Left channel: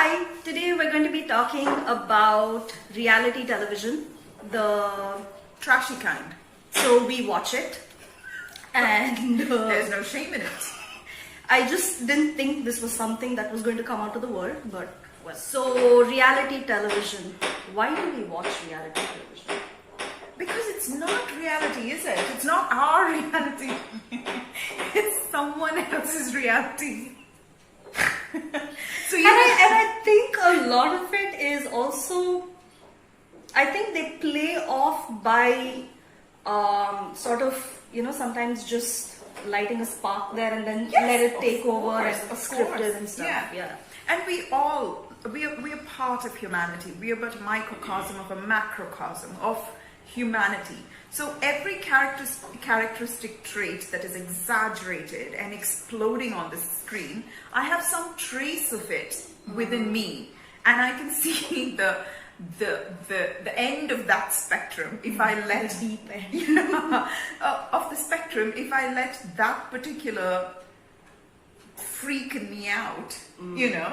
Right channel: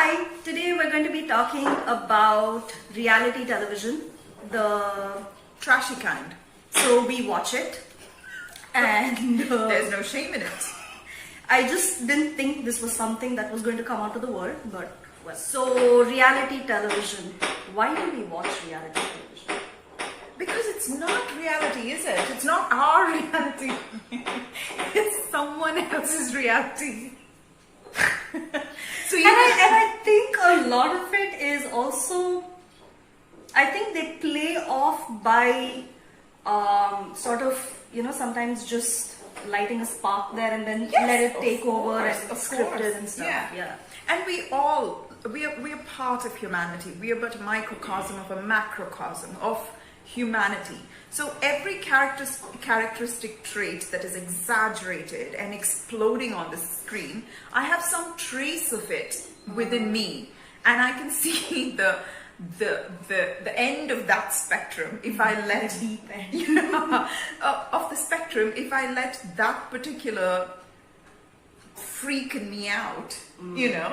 Hi, today we're going to be talking about reality television, the Trashy kind. so we watch it, and There's no shame in it. I just didn't think this was something that was going to come out to the world, but was. So reality television. Why do we watch reality television? Because it's not reality, is it? It's not our reality. It's someone else's reality. So And I think a lot of it is also, I think they play off by sort of, sometimes just lighting a spark there and then Yes, let it of take over course, and of script course. it and stuff. Yeah. And we are part of humanity. We are but a microcosm of a macrocosm of humanity. So every characteristic trait that is exaggerated and exploding on the screen, I have some trace of it within me, and I can see the end of that spectrum if I let deep end. of the spectrum if I let that particular freaking me out,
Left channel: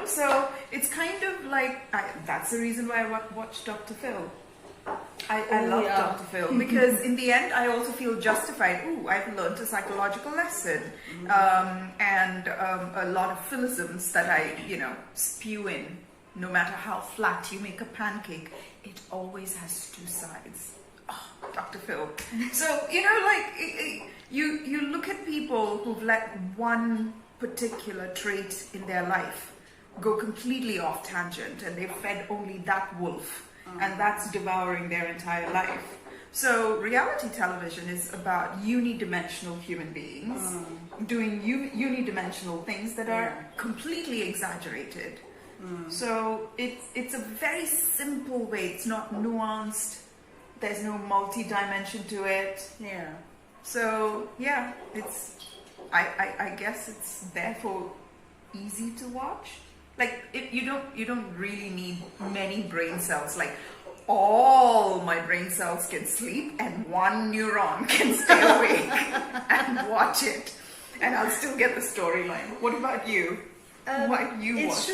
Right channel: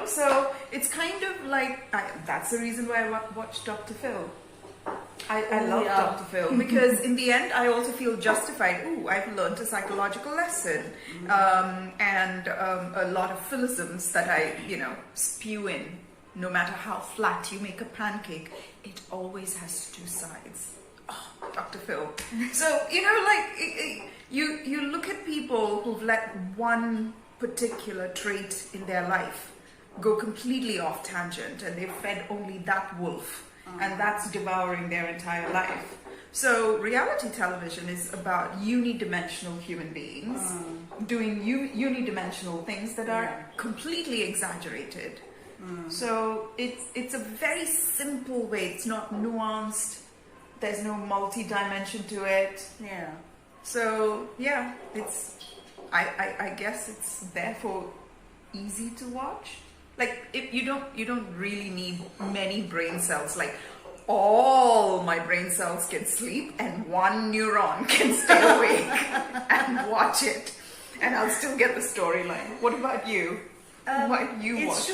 So it's kind of like that's the reason why I watch Dr. Phil. I love Dr. Phil because in the end I also feel justified. Ooh, I've learned a psychological lesson and a lot of philisms that I, spew in. No matter how flat you make a pancake, it always has two sides. Oh, Dr. Phil. So, you look at people who've let one particular trait in their life go completely off tangent and they've fed only that wolf. And that's devouring their entire life. So reality television is about uni-dimensional human beings doing uni-dimensional things that are completely exaggerated. So it's a very simple way. It's not nuanced. There's no multi-dimension to it. Yeah. So yeah, I guess it's therefore easy to watch. Like you don't really need many brain cells. Like all my brain cells can sleep and one neuron can stay awake and watch it, and I'll still get the storyline. What about you? What you watch?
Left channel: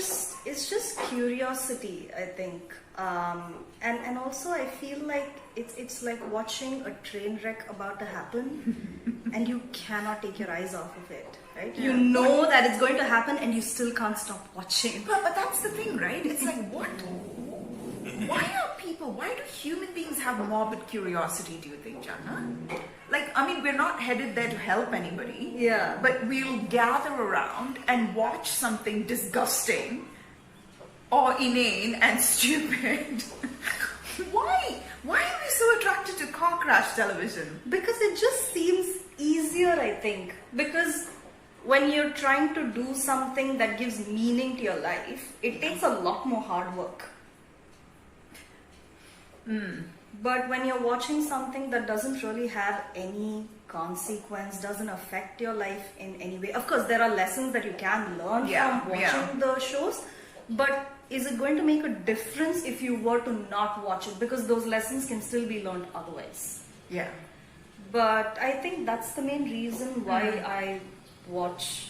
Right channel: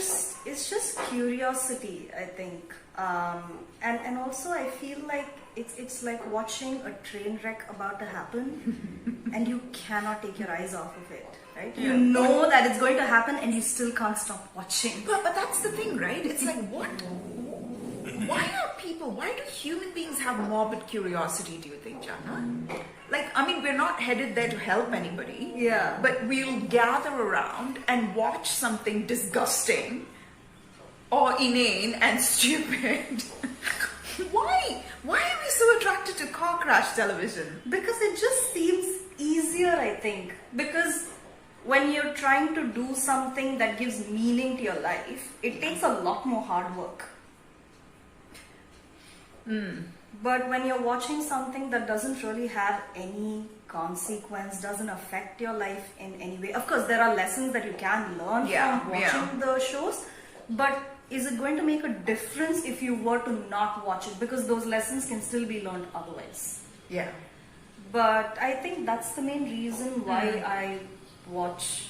It's just curiosity, I think, and also I feel like it's like watching a train wreck about to happen, and you cannot take your eyes off of it. Right? Yeah. You know that it's going to happen and you still can't stop watching. But that's the thing, right? It's like, why do human beings have morbid curiosity, do you think, Jharna? We're not headed there to help anybody. Yeah. But we'll gather around and watch something disgusting or inane and stupid. Why? Why are we so attracted to car crash television? Because it just seems easier, I think. Because when you're trying to do something that gives meaning to your life, it takes a lot more hard work. But when you're watching something that doesn't really have any consequence, doesn't affect your life in any way, of course there are lessons that you can learn from watching the shows, but is it going to make a difference if you were to not watch it? Because those lessons can still be learned otherwise. Yeah. But I think that's the main reason why I watch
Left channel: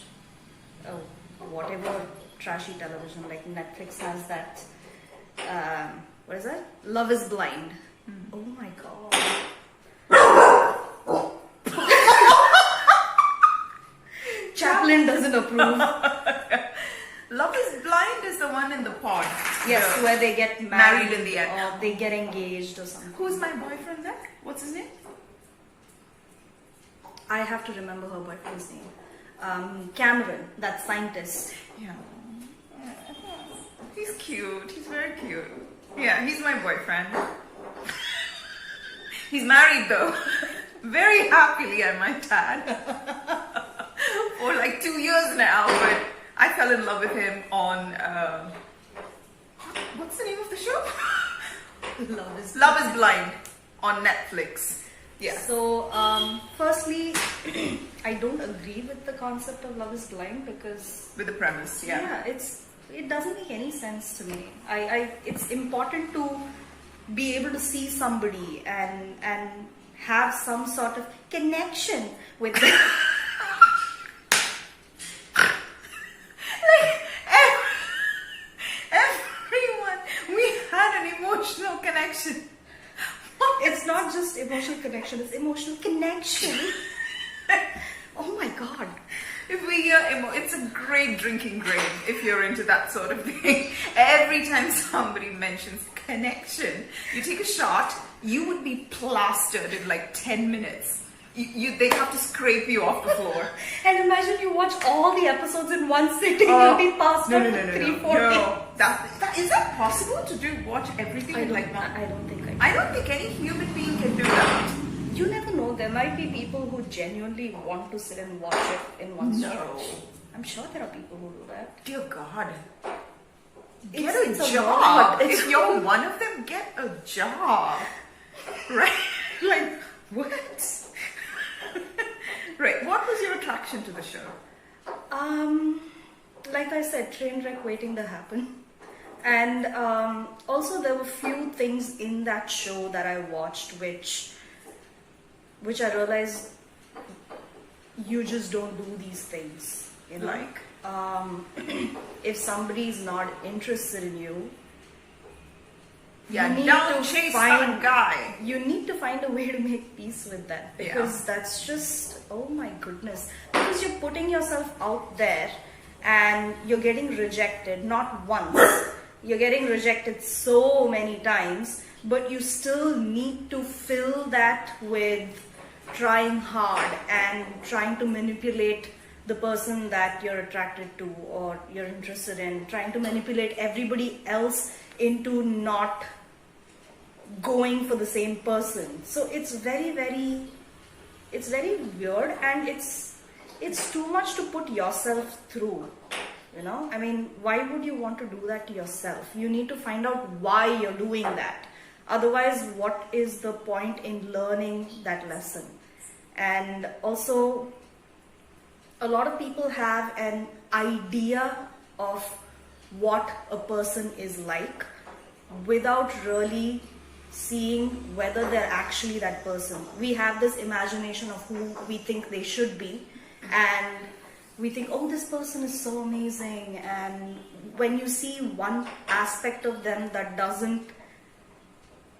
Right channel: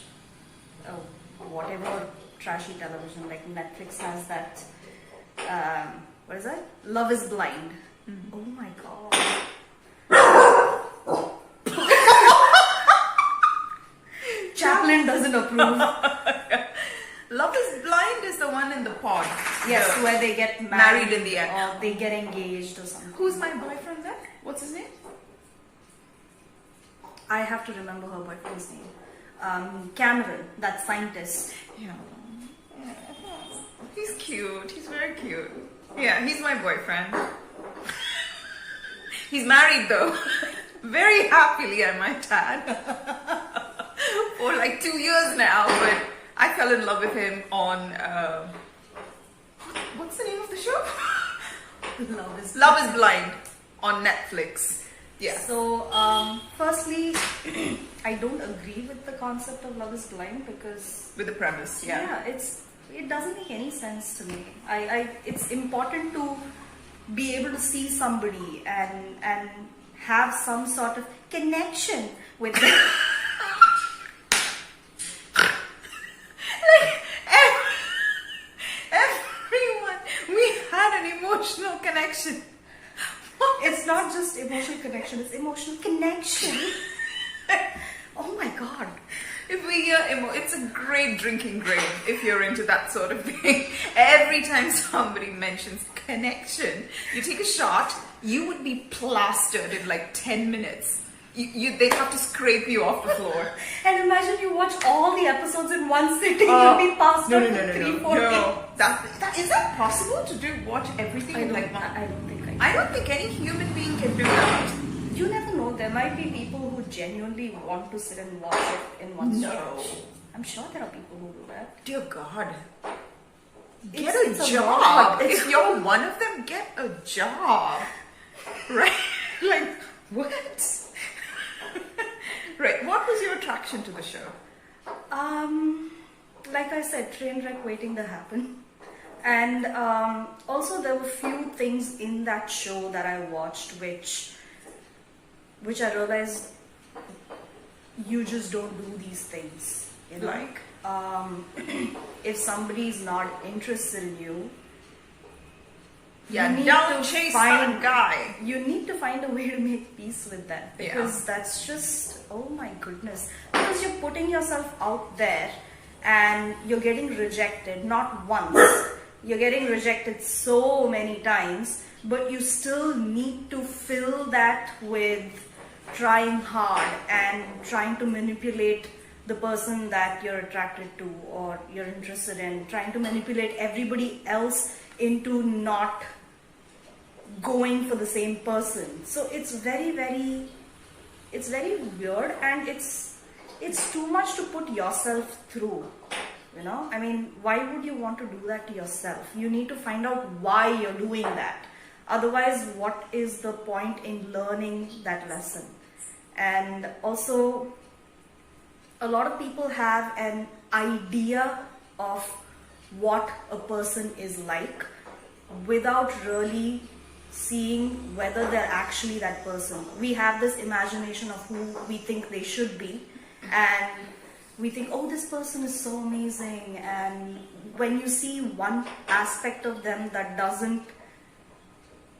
whatever trashy television. Like Netflix has that what is that? Love is Blind. Oh my god. Chaplin doesn't approve. Love is Blind is the one in the pod. Yes, where they get married in the end. or they get engaged or something. Who's my boyfriend then? What's his name? I have to remember her boyfriend's name. Cameron, that scientist. Yeah. He's cute. He's very cute. Yeah, he's my boyfriend. He's married though. Very happily, I might add. For like 2 years now, but I fell in love with him on what's the name of the show? Love is Blind on Netflix. Yeah. So, firstly, I don't agree with the concept of Love is Blind because With the premise, it doesn't make any sense to me. It's important to be able to see somebody and have some sort of connection with them. Every emotional connection. It's not just emotional connection, it's emotional connection. Oh my god. If we hear it's a great drinking game if you're into that sort of thing. Every time somebody mentions connection, you take a shot, you would be plastered in like 10 minutes. They have to scrape you off the floor. And imagine you watch all the episodes in one sitting, you'll be passed out in 3-4 days. Is that possible to watch everything in like that? I don't think I don't think any human being can do that. You never know, there might be people who genuinely want to sit and watch it in one sitting. No. I'm sure there are people who do that. Dear God. Get It's a a job. lot. If you're one of them, get a job. Right? Like, what? Right. What was your attraction to the show? Like I said, train wreck waiting to happen. And also there were few things in that show that I watched which I realized you just don't do these things. You know? Like? If somebody's not interested in you, Yeah, you need don't to chase find that guy. You need to find a way to make peace with that, because Yeah. that's just, oh my goodness, because you're putting yourself out there and you're getting rejected not once, you're getting rejected so many times, but you still need to fill that with trying hard and trying to manipulate the person that you're attracted to or you're interested in, trying to manipulate everybody else into not going for the same person. So it's very weird, and it's too much to put yourself through, you know. I mean, why would you want to do that to yourself? You need to find out why you're doing that. Otherwise, what is the point in learning that lesson? And also, a lot of people have an idea of what a person is like without really seeing whether they're actually that person. We have this imagination of who we think they should be, and we think, oh, this person is so amazing. And when you see one aspect of them that doesn't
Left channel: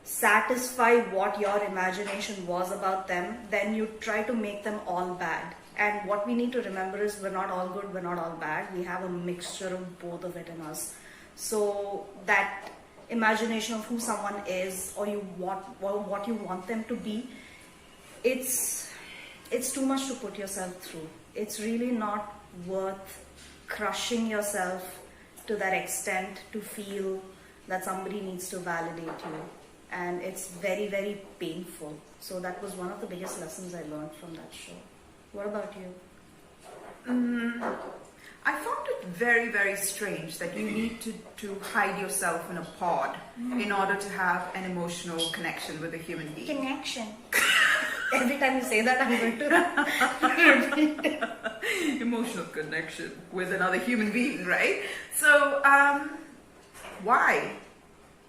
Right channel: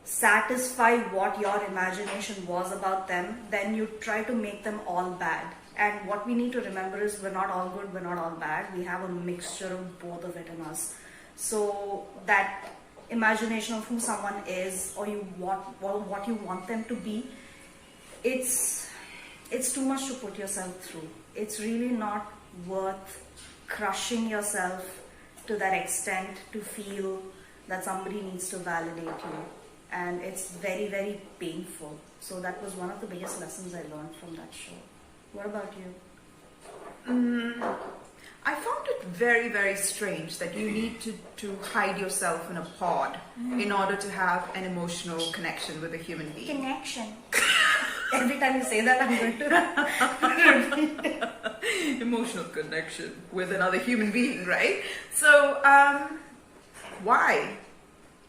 satisfy what your imagination was about them, then you try to make them all bad. And what we need to remember is we're not all good, we're not all bad. We have a mixture of both of it in us. So that imagination of who someone is, or what you want them to be, it's too much to put yourself through. It's really not worth crushing yourself to that extent to feel that somebody needs to validate you. And it's very painful. So that was one of the biggest lessons I learned from that show. What about you? I found it very strange that you need to hide yourself in a pod in order to have an emotional connection with a human being. Connection. Every time you say that, I'm going to Emotional connection with another human being, right? So, why?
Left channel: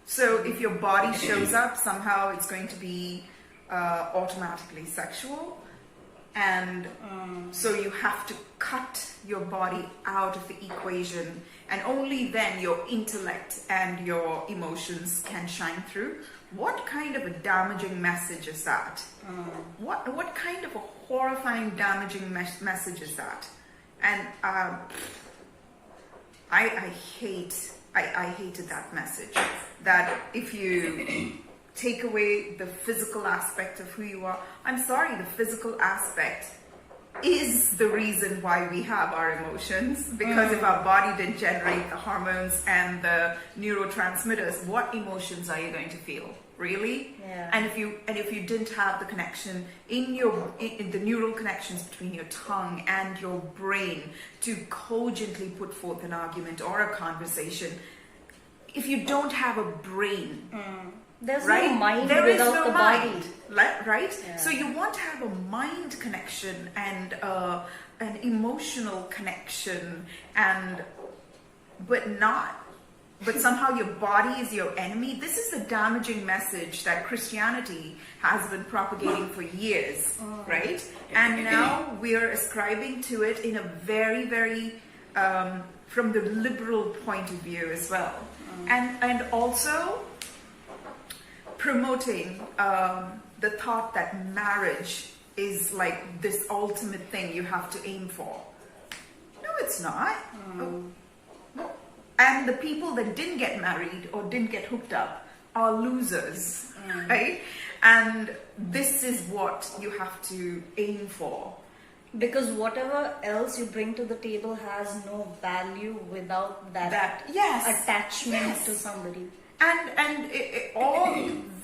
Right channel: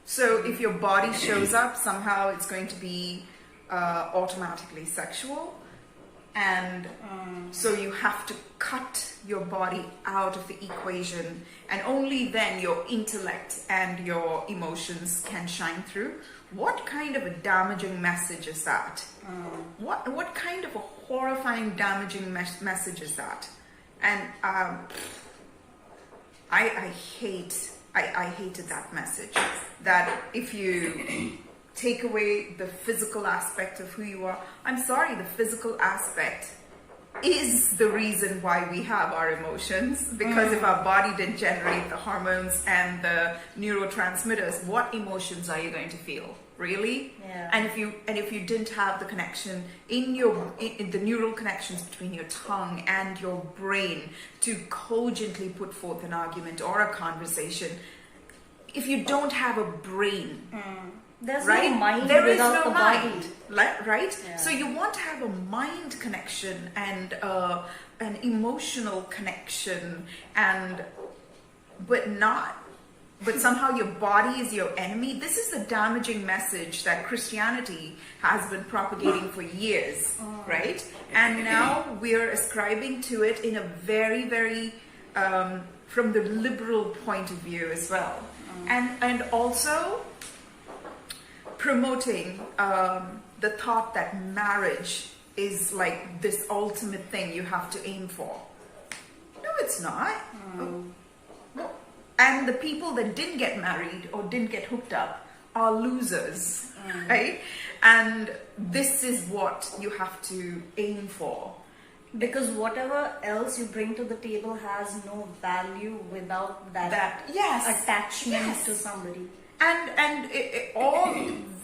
So if your body shows up, somehow it's going to be automatically sexual. And so you have to cut your body out of the equation, and only then your intellect and your emotions can shine through. What kind of a damaging message is that? What kind of a horrifying, damaging message is that? And I hated that message. That if you take away the physical aspect of who you are. I'm sorry, the physical aspect is the reason why we have our emotions, because if our body didn't generate the hormones and the neurotransmitters, what emotions are you going to feel? Really? Yeah. And if you didn't have the connection in the neural connections between your tongue and your brain to cogently put forth an argument or a conversation, if you don't have a brain, there's right? no mind There is without no the mind, body. right? Yeah. So you want to have a mind connection and an emotional connection, but somehow your body is your enemy. This is the damaging message that Christianity has been propagating for years, right? And now we're ascribing to it in a very from the liberal point of view as well. And also, promoting the thought that marriage is like this ultimate thing you have to aim for. No, it's not. And the people that didn't get married or didn't get hooked up are losers, right? And this is what you have to aim for. Because whatever else you bring to the table has no value without that yes, attachment to somebody. And all,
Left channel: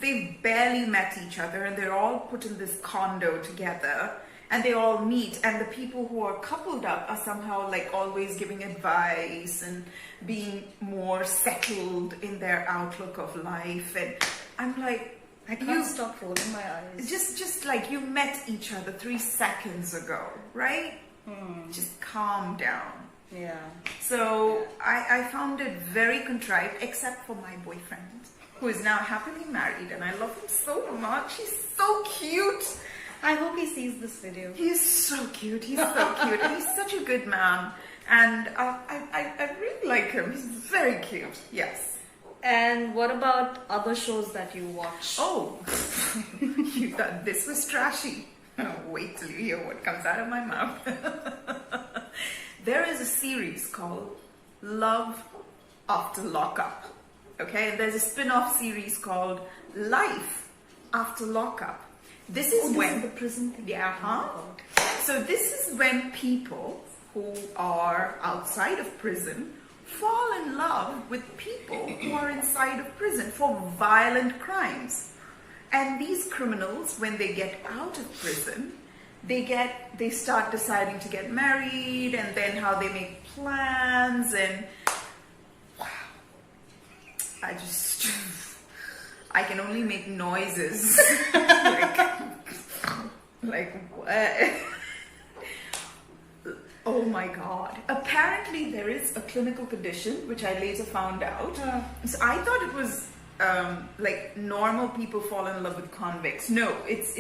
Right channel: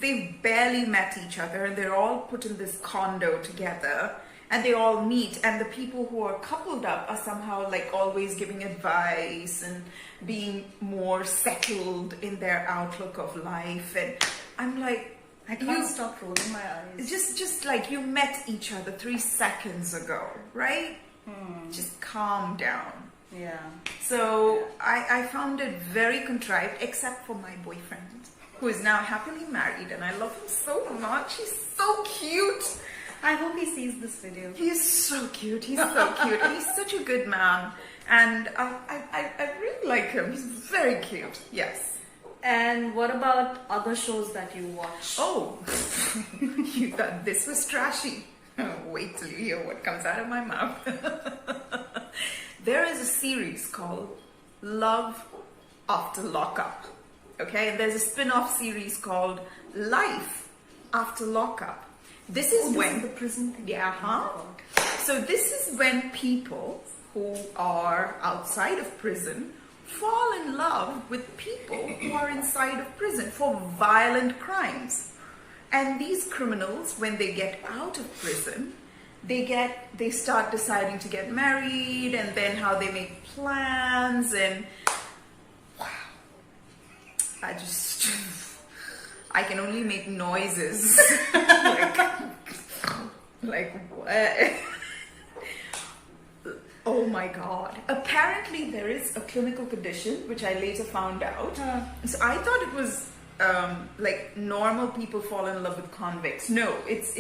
they barely met each other, and they're all put in this condo together, and they all meet, and the people who are coupled up are somehow like always giving advice and being more settled in their outlook of life. And I'm like, I can't stop rolling my eyes. Just like you met each other 3 seconds ago, right? Just calm down. Yeah. So I found it very contrived, except for my boyfriend, who is now happily married, and I love him so much. He's so cute. I hope he sees this video. He's so cute. He's so cute. He's such a good man, and I really like him. He's very cute. Yes. And what about other shows that you watch? Oh, you thought this was trashy. Oh, wait till you hear what comes out of my mouth. There is a series called Love After Lockup. Okay, and there's a spin-off series called Life After Lockup. This is when the prison thing. So this is when people who are outside of prison fall in love with people who are inside of prison for violent crimes. And these criminals, when they get out of prison, they start deciding to get married, and then how they make plans, and wow, I can only make noises like what? Oh my God. Apparently there is a clinical condition, which I later found out. So I thought it was like normal people fall in love with convicts. No, it's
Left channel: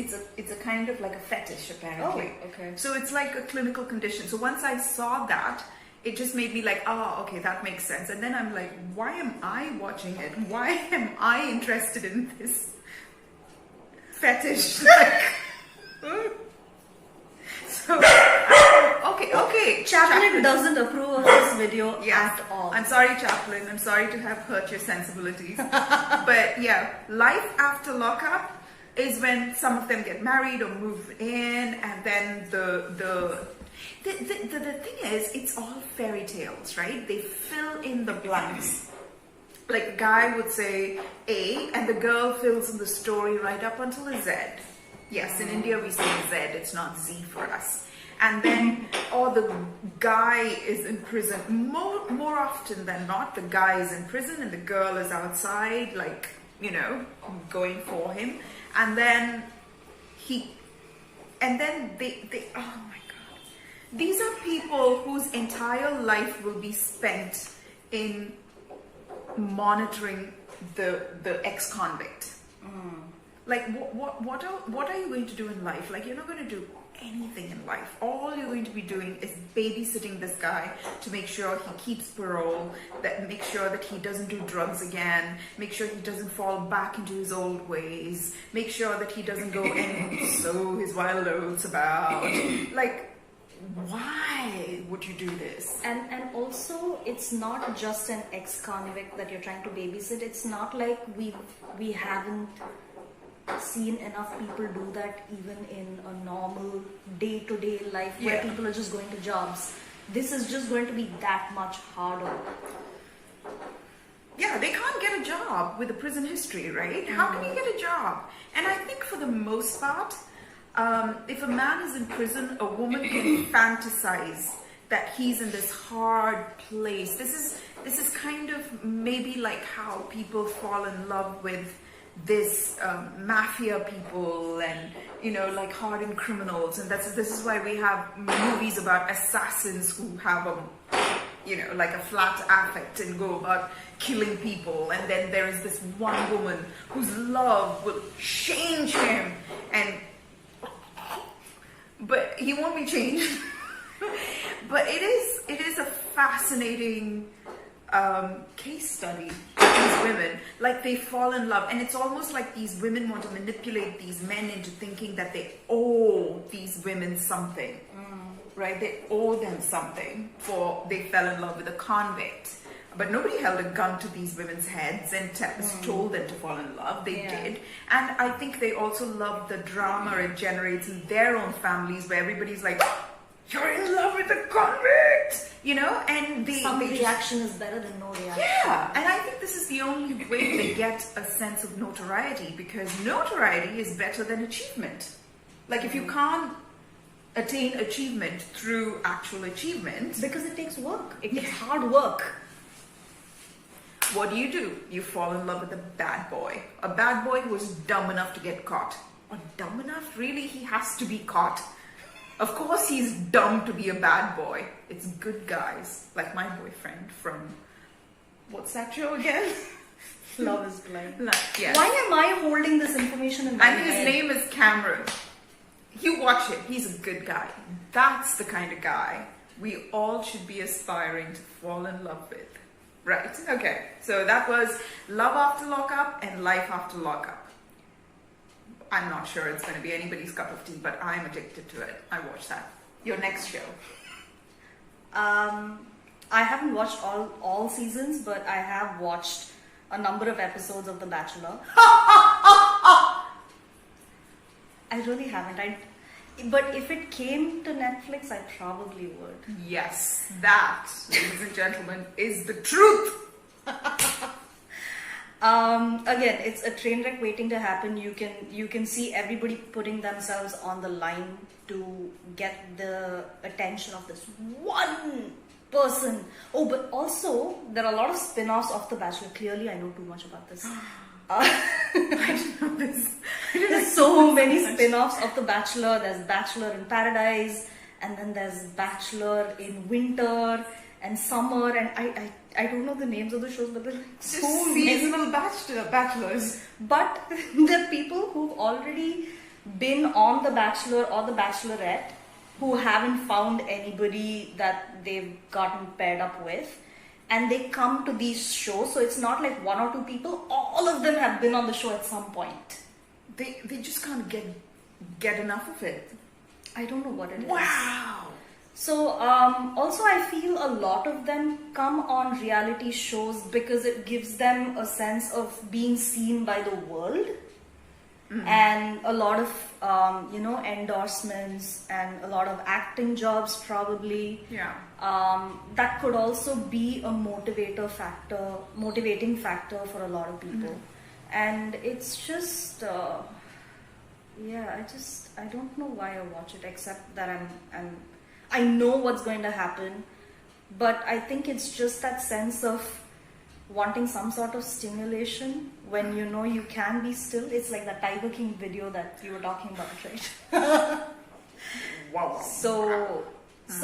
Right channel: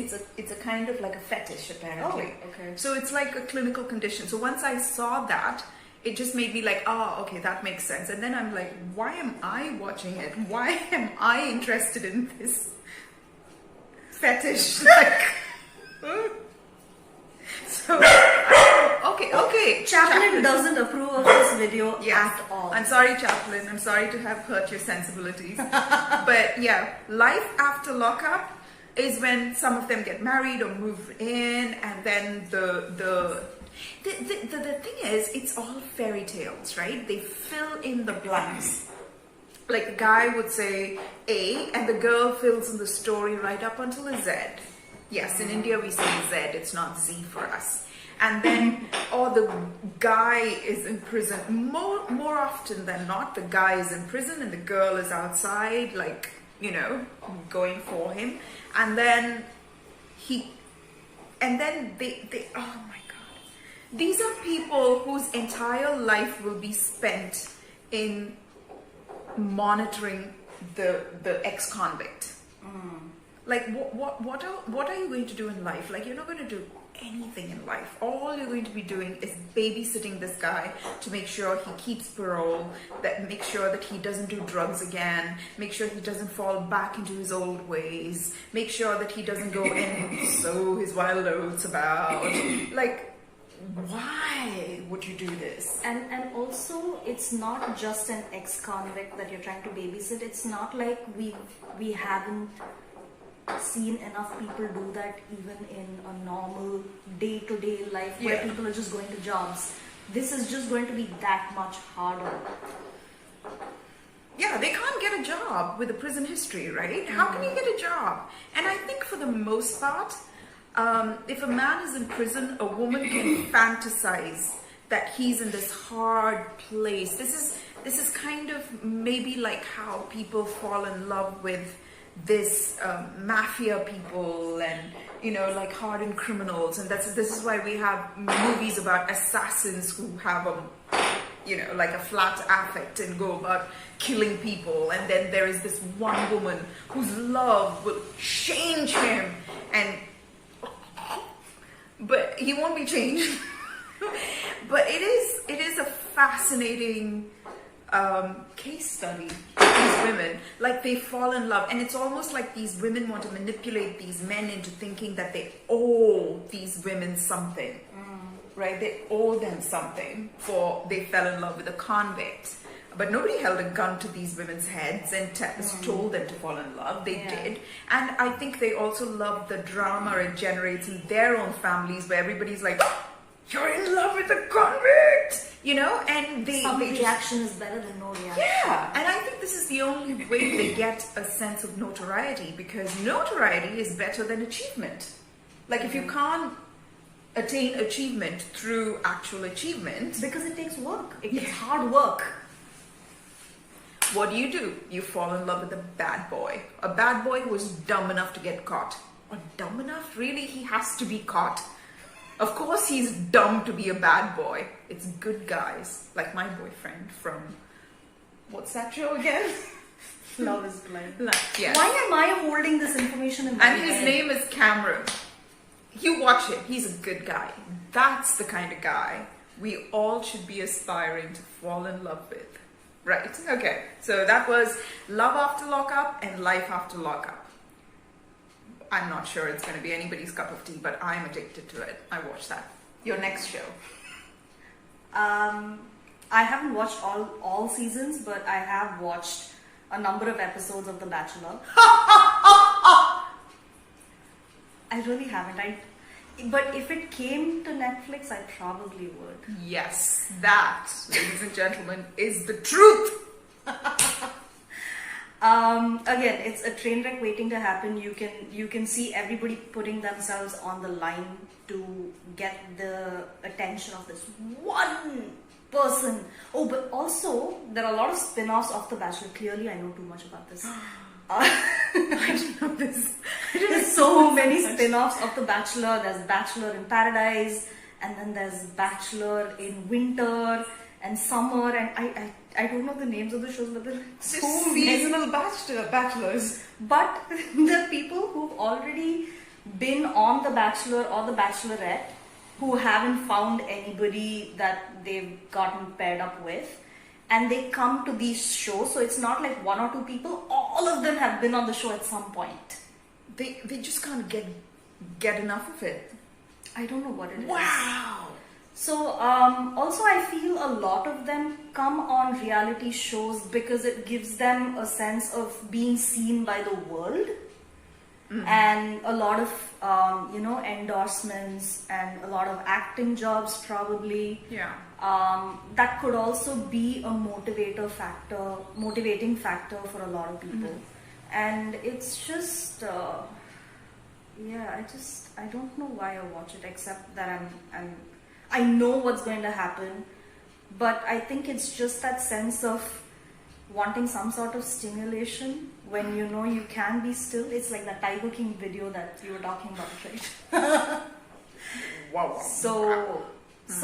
a kind of like a fetish, apparently. Oh, okay. So it's like a clinical condition. So once I saw that, it just made me like, oh, okay, that makes sense. And then I'm like, why am I watching it? Why am I interested in this fetish? Like, so, okay. Chaplin doesn't approve of this video at all. I'm sorry, Chaplin. I'm sorry to have hurt your sensibilities. But yeah, Life After Lockup is when some of them get married or move in, and then the thing is, it's all fairy tales, right? They fill in the blanks. Like a guy would say A, and the girl fills in the story right up until a Z. Yes, in India we say Z, it's not Z for us. And then, or the guy is in prison. More often than not, the guy is in prison and the girl is outside, like, you know, going for him. And then they, oh my God. These are people whose entire life will be spent in monitoring the ex-convict. Like, what are you going to do in life? Like, you're not going to do anything in life. All you're going to be doing is babysitting this guy to make sure he keeps parole, that make sure that he doesn't do drugs again, make sure he doesn't fall back into his old ways, make sure that he doesn't go and sow his wild oats about. Like, why would you do this? And also, it's not just an ex-convict that you're trying to babysit. It's not like we haven't seen enough people do that even in a normal day-to-day life where people are just going to jobs. This is just going to be that much harder. Yeah, they can't get a job with a prison history, right? How can you get a job? And I think for the most part, if a man is in prison, a woman can fantasize that he's in this hard place. This is kind of maybe like how people fall in love with this mafia people, and you know, like hardened criminals, and this is why we have movies about assassins who have you know, like a flat affect and go about killing people, and then there is this one woman whose love will change him, but he won't be changed. But it is a fascinating case study of these women. Like they fall in love, and it's almost like these women want to manipulate these men into thinking that they owe these women something, right? They owe them something for they fell in love with a convict. But nobody held a gun to these women's heads and told them to fall in love. They did. And I think they also love the drama it generates in their own families where everybody's like, you're in love with a convict, you know? And some reaction is better than no reaction. Yeah, and I think this is the only way they get a sense of notoriety, because notoriety is better than achievement. Like if you can't attain achievement through actual achievement, because it takes work. It's hard work. What do? You fall in love with a bad boy. A bad boy who is dumb enough to get caught. Or dumb enough? Really? He has to be caught. Of course he's dumb to be a bad boy. It's good guys, like my boyfriend from, what's that show again? Love is Blind. Yes. Why am I holding this information in my head? And his name is Cameron. You watch it. He's a good guy. That's the kind of guy we all should be aspiring to fall in love with. Right, okay. So that was Love After Lockup and Life After Lockup. I'm not sure it's going to be anybody's cup of tea, but I'm addicted to it. I watch that. Your next show? I haven't watched all seasons, but I have watched a number of episodes of The Bachelor. I really haven't. But if it came to Netflix, I probably would. Yes, that, ladies and gentlemen, is the truth. Again, it's a train wreck waiting to happen. You can see everybody putting themselves on the line to get the attention of this one person. Oh, but also there are a lot of spin-offs of The Bachelor. Clearly, I know too much about this. There's so many spin-offs of The Bachelor. There's Bachelor in Paradise, and then there's Bachelor in Winter and Summer, and I don't know the names of the shows, but they're so seasonal bachelors. But the people who've already been on The Bachelor or The Bachelorette who haven't found anybody that they've gotten paired up with, and they come to these shows, so it's not like one or two people, all of them have been on the show at some point. They just can't get enough of it. I don't know what it is. Wow! So, also I feel a lot of them come on reality shows because it gives them a sense of being seen by the world. And a lot of, endorsements and a lot of acting jobs probably. Yeah. That could also be a motivating factor for a lot of people. And it's just, I don't know why I watch it, except that I know what's going to happen, but I think it's just that sense of wanting some sort of stimulation when you know you can be still. It's like that Tiger King video that you were talking about, right? Wow. So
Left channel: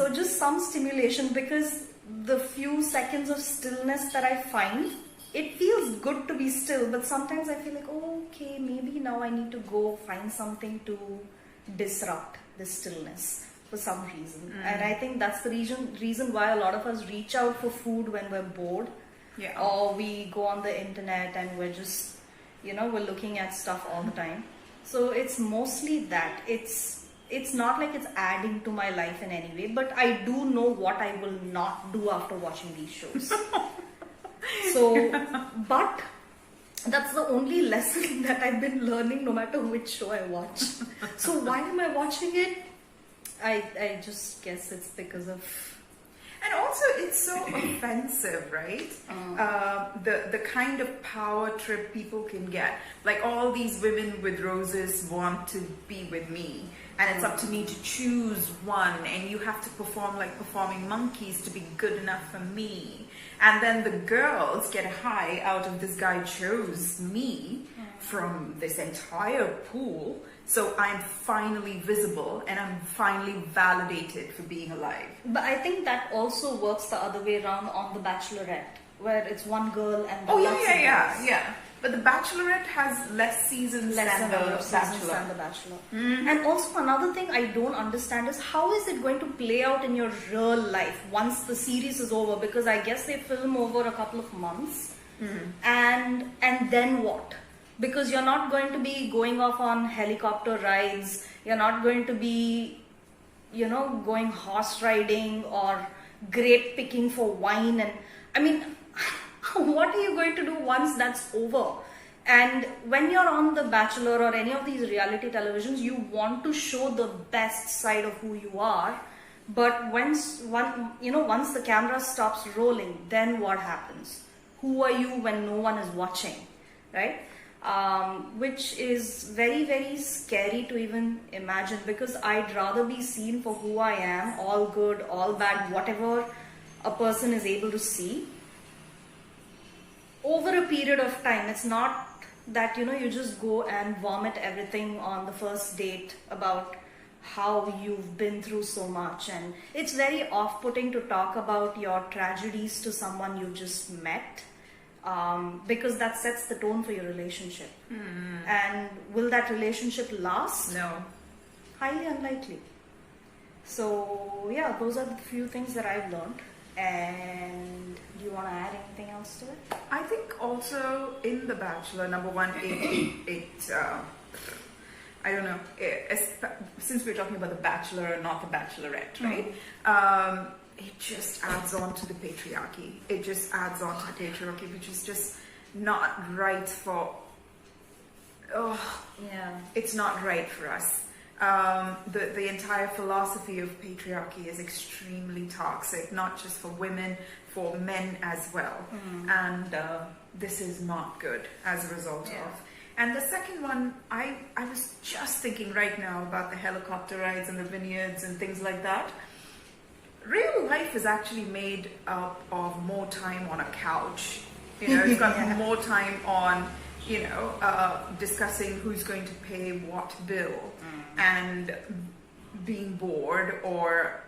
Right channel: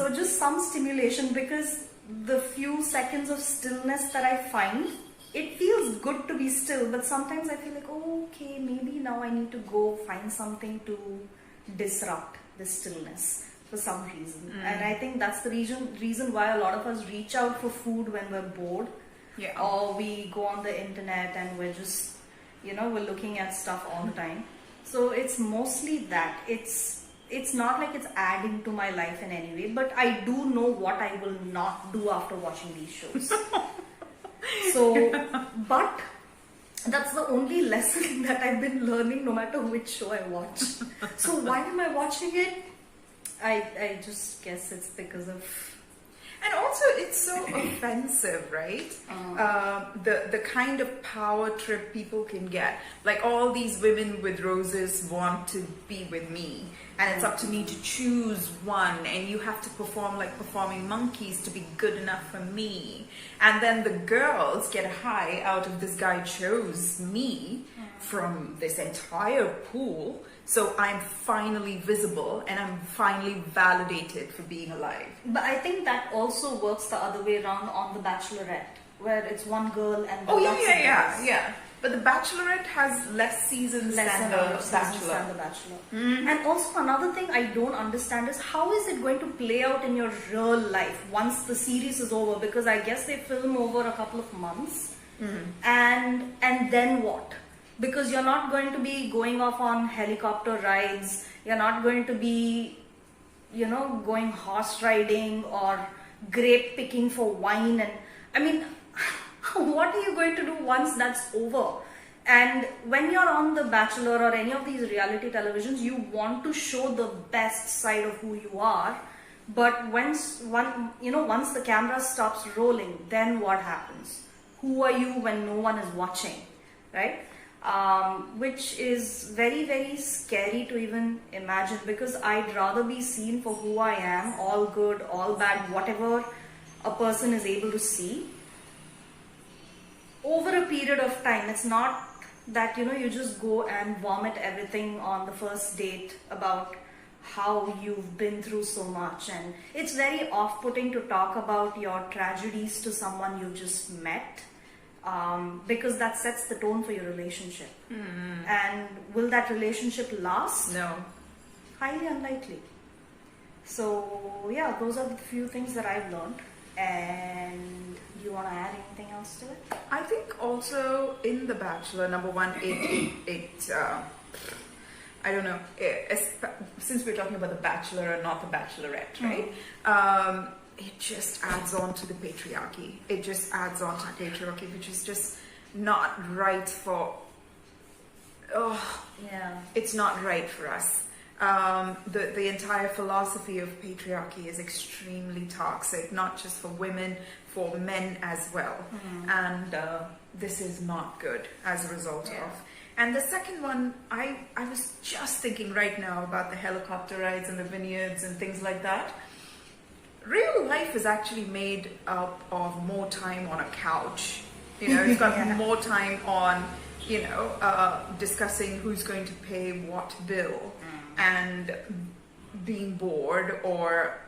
just some stimulation, because the few seconds of stillness that I find, it feels good to be still, but sometimes I feel like, okay, maybe now I need to go find something to disrupt the stillness for some reason. And I think that's the reason why a lot of us reach out for food when we're bored. Yeah. Or we go on the internet and we're just, we're looking at stuff all the time. So it's mostly that. It's not like it's adding to my life in any way, but I do know what I will not do after watching these shows. So, but that's the only lesson that I've been learning no matter which show I watch. So why am I watching it? I just guess it's because of... And also, it's so offensive, right? The kind of power trip people can get. Like, all these women with roses want to be with me, and it's up to me to choose one, and you have to perform like performing monkeys to be good enough for me. And then the girls get a high out of this guy chose me from this entire pool. So I'm finally visible and I'm finally validated for being alive. But I think that also works the other way around on The Bachelorette, where it's one girl and the lots of guys. Yeah. But The Bachelorette has less seasons than The Bachelor. And also another thing I don't understand is how is it going to play out in your real life once the series is over? Because I guess they film over a couple of months, and then what? Because you're not going to be going off on helicopter rides. You're not going to be, going horse riding or grape picking for wine. And I mean, what are you going to do once that's over? And when you're on The Bachelor or any of these reality televisions, you want to show the best side of who you are. But once the camera stops rolling, then what happens? Who are you when no one is watching, right? Which is very, very scary to even imagine, because I'd rather be seen for who I am, all good, all bad, whatever a person is able to see, over a period of time. It's not that, you just go and vomit everything on the first date about how you've been through so much. And it's very off-putting to talk about your tragedies to someone you just met. Because that sets the tone for your relationship. And will that relationship last? No. Highly unlikely. So yeah, those are the few things that I've learned. And do you want to add anything else to it? I think also in The Bachelor, number one, I don't know, since we're talking about The Bachelor and not The Bachelorette, right? It just adds on to the patriarchy. It just adds on to the patriarchy, which is just not right for... It's not right for us. The entire philosophy of patriarchy is extremely toxic, not just for women, for men as well. And this is not good as a result of. And the second one, I was just thinking right now about the helicopter rides and the vineyards and things like that. Real life is actually made up of more time on a couch. It's got more time on, discussing who's going to pay what bill and being bored or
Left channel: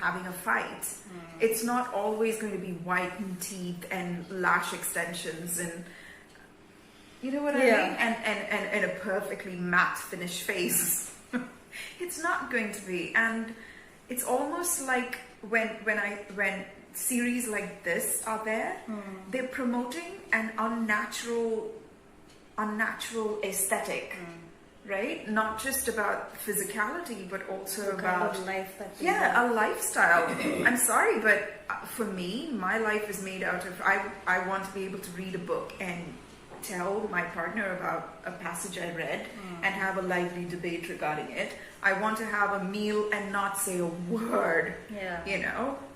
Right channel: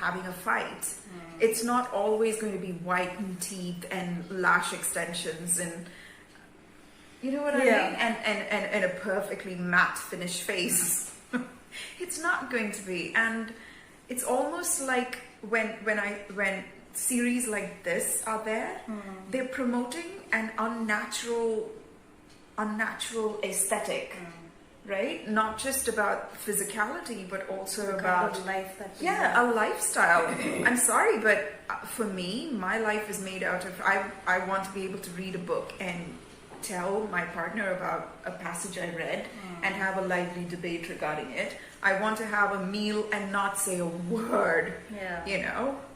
having a fight. It's not always going to be whitened teeth and lash extensions and, you know what I mean? And a perfectly matte finished face. It's not going to be. And it's almost like when series like this are there, they're promoting an unnatural aesthetic, right? Not just about physicality, but also about kind of life that a lifestyle. I'm sorry, but for me, my life is made out of I want to be able to read a book and tell my partner about a passage I read and have a lively debate regarding it. I want to have a meal and not say a word.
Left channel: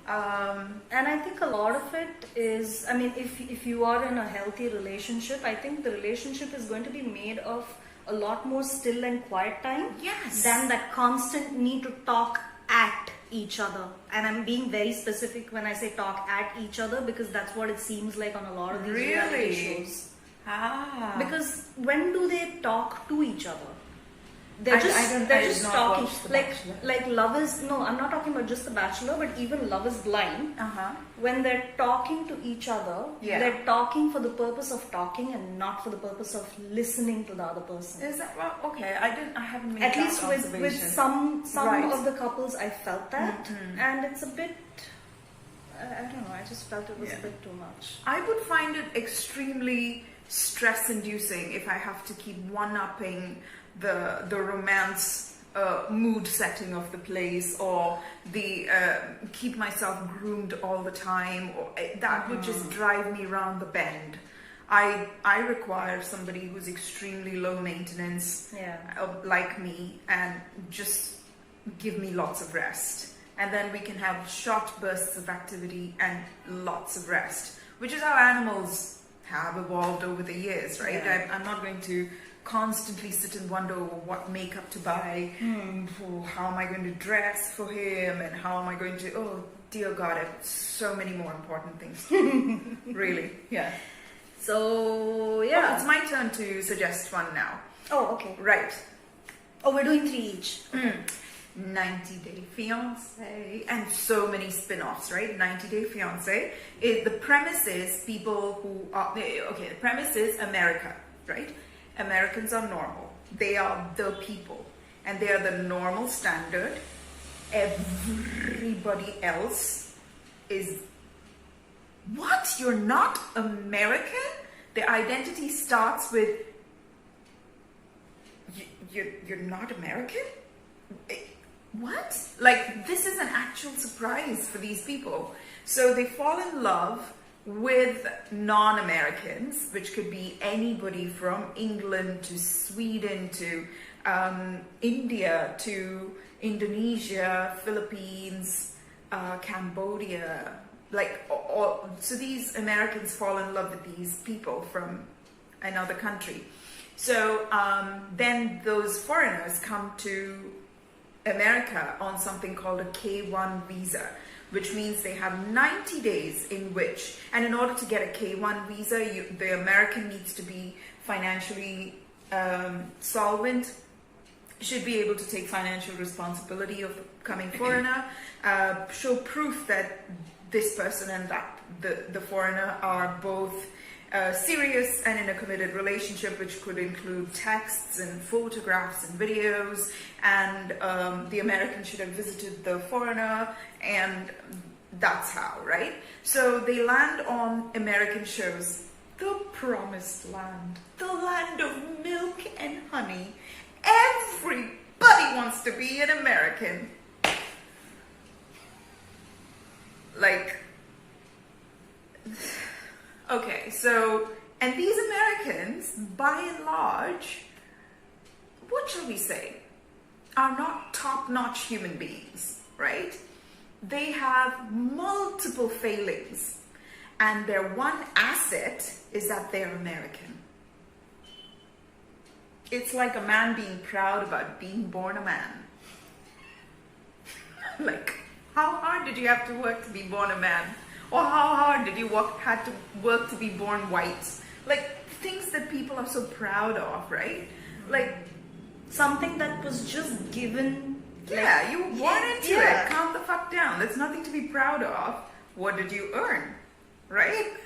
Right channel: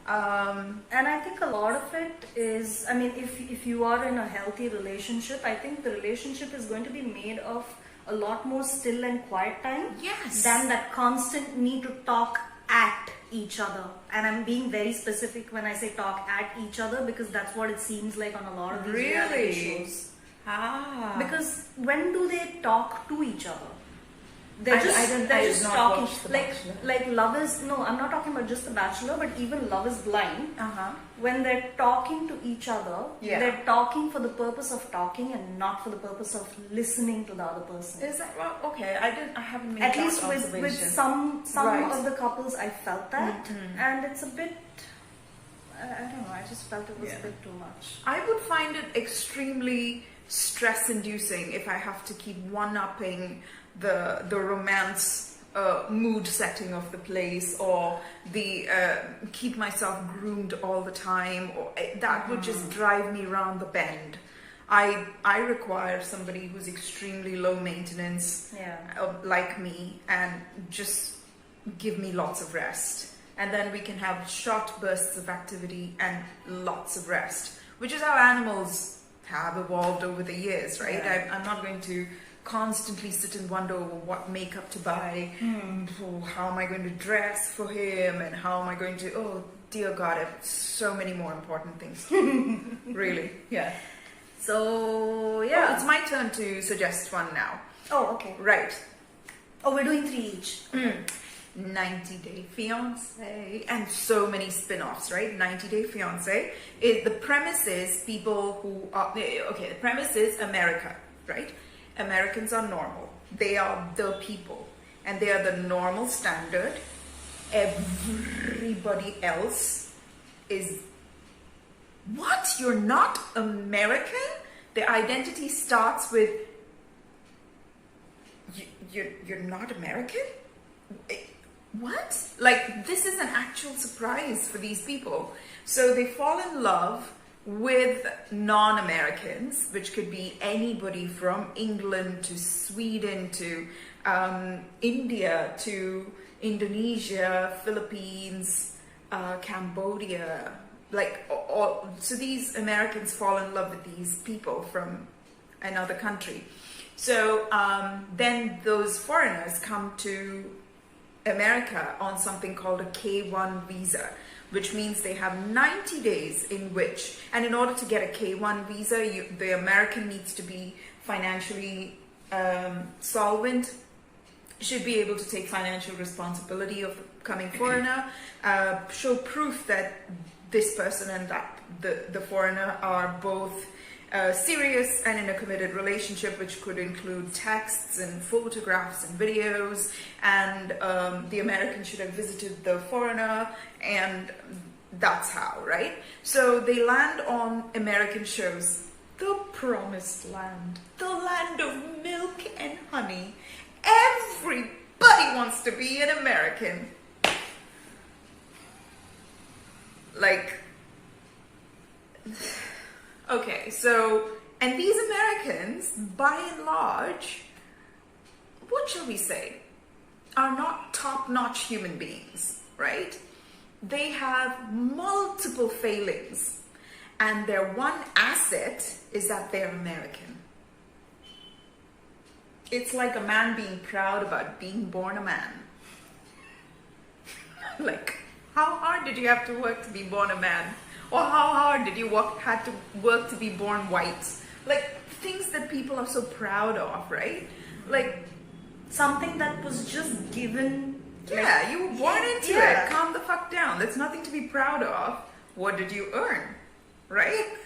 And I think a lot of it is, if you are in a healthy relationship, I think the relationship is going to be made of a lot more still and quiet time than that constant need to talk at each other. And I'm being very specific when I say talk at each other, because that's what it seems like on a lot of these reality shows. Because when do they talk to each other? They're just talking. Like Love is... No, I'm not talking about just The Bachelor, but even Love is Blind. When they're talking to each other, they're talking for the purpose of talking and not for the purpose of listening to the other person. Is that right? Okay, I haven't made At that least observation. with some of the couples, I felt that. And it's a bit... I don't know, I just felt it was a bit too much. I would find it extremely stress-inducing if I have to keep one-upping the romance mood setting of the place, or the keep myself groomed all the time, or that would just drive me around the bend. I require somebody who's extremely low maintenance, like me, and just give me lots of rest. And then we can have short bursts of activity and lots of rest, which is how animals have evolved over the years, right? I'm not going to constantly sit and wonder what makeup to buy, how am I going to dress for him, and how am I going to, oh dear God, I have so many more important things. Really, So, it's my turn to suggest one now. Oh, okay. Right. Oh, we're doing 3 each. 90 Day Fiance, and so many spin-offs, right? 90 Day Fiance. The premise is people who are, okay, the premise is America, right? Americans are normal. They are the people, and they are the normal standard. Everybody else is, what? You're not American? Their identity starts with, you're not American? What? Like, this is an actual surprise for these people. So they fall in love with non-Americans, which could be anybody from England to Sweden to India to Indonesia, Philippines, Cambodia. Like, so these Americans fall in love with these people from another country. So then those foreigners come to America on something called a K1 visa, which means they have 90 days in which, and in order to get a K1 visa, the American needs to be financially solvent, should be able to take financial responsibility of the coming foreigner, show proof that this person and that the foreigner are both serious and in a committed relationship, which could include texts and photographs and videos, and the American should have visited the foreigner, and that's how, right? So they land on American shows, the promised land, the land of milk and honey. Everybody wants to be an American. Like, okay, so, and these Americans, by and large, what shall we say, are not top-notch human beings, right? They have multiple failings, and their one asset is that they're American. It's like a man being proud about being born a man. Like, how hard did you have to work to be born a man? Or how hard did you had to work to be born white? Like, things that people are so proud of, right? Like, something that was just given. Yeah, you were born into it. Calm the fuck down. There's nothing to be proud of. What did you earn? Right?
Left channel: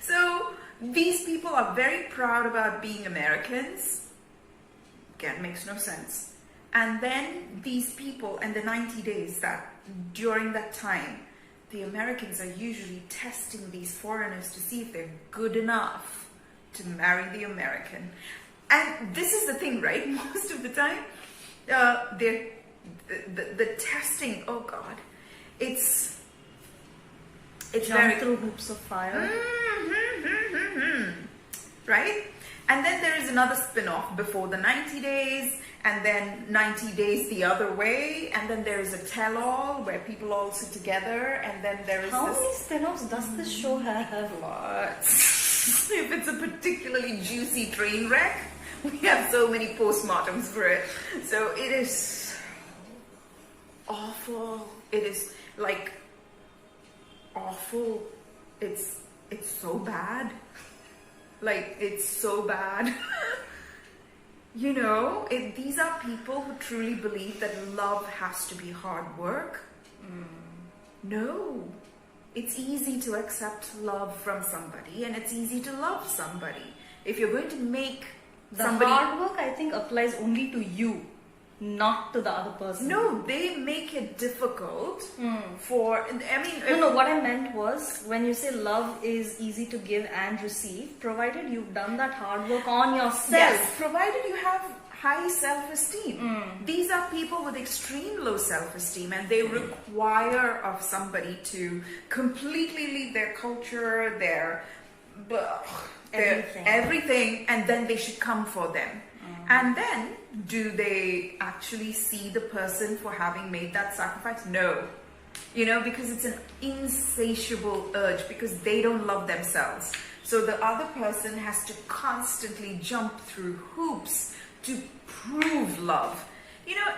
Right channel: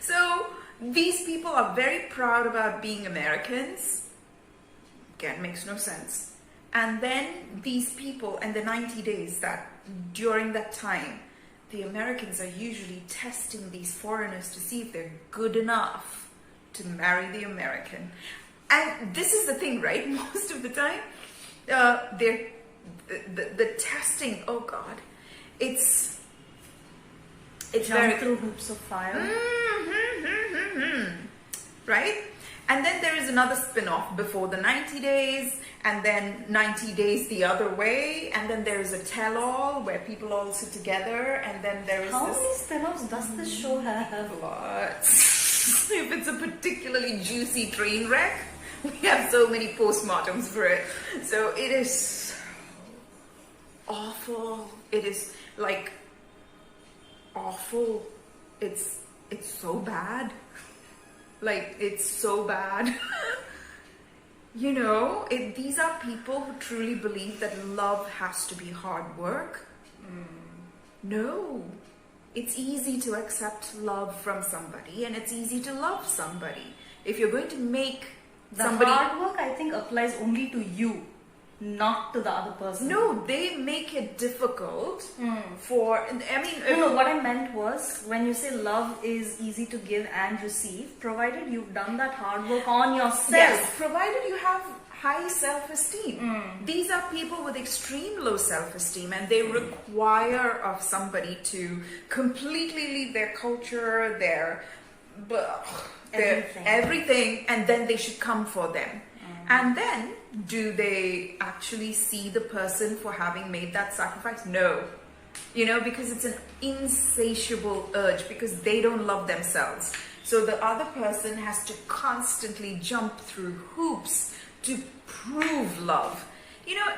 So, these people are very proud about being Americans. Again, makes no sense. And then these people, and the 90 days that during that time, the Americans are usually testing these foreigners to see if they're good enough to marry the American. And this is the thing, right? Most of the time, the testing, oh God, it's very through hoops of fire. Right? And then there is another spin-off before the 90 days, and then 90 days the other way, and then there is a tell-all where people all sit together, and then there is How many spin-offs does this show have? Lots. If it's a particularly juicy train wreck, we have so many postmortems for it. So it is awful. It is like awful. It's so bad. Like, it's so bad. You know, these are people who truly believe that love has to be hard work. No. It's easy to accept love from somebody, and it's easy to love somebody. If you're going to make somebody... hard work, I think, applies only to you, not to the other person. No, they make it difficult for... I mean... No, what I meant was, when you say love is easy to give and receive, provided you've done that hard work on yourself. Yes, provided you have high self-esteem. These are people with extreme low self-esteem, and they require of somebody to completely leave their culture, their everything, and then they should come for them. And then, do they actually see the person for having made that sacrifice? No. You know, because it's an insatiable urge, because they don't love themselves. So the other person has to constantly jump through hoops to prove love. You know,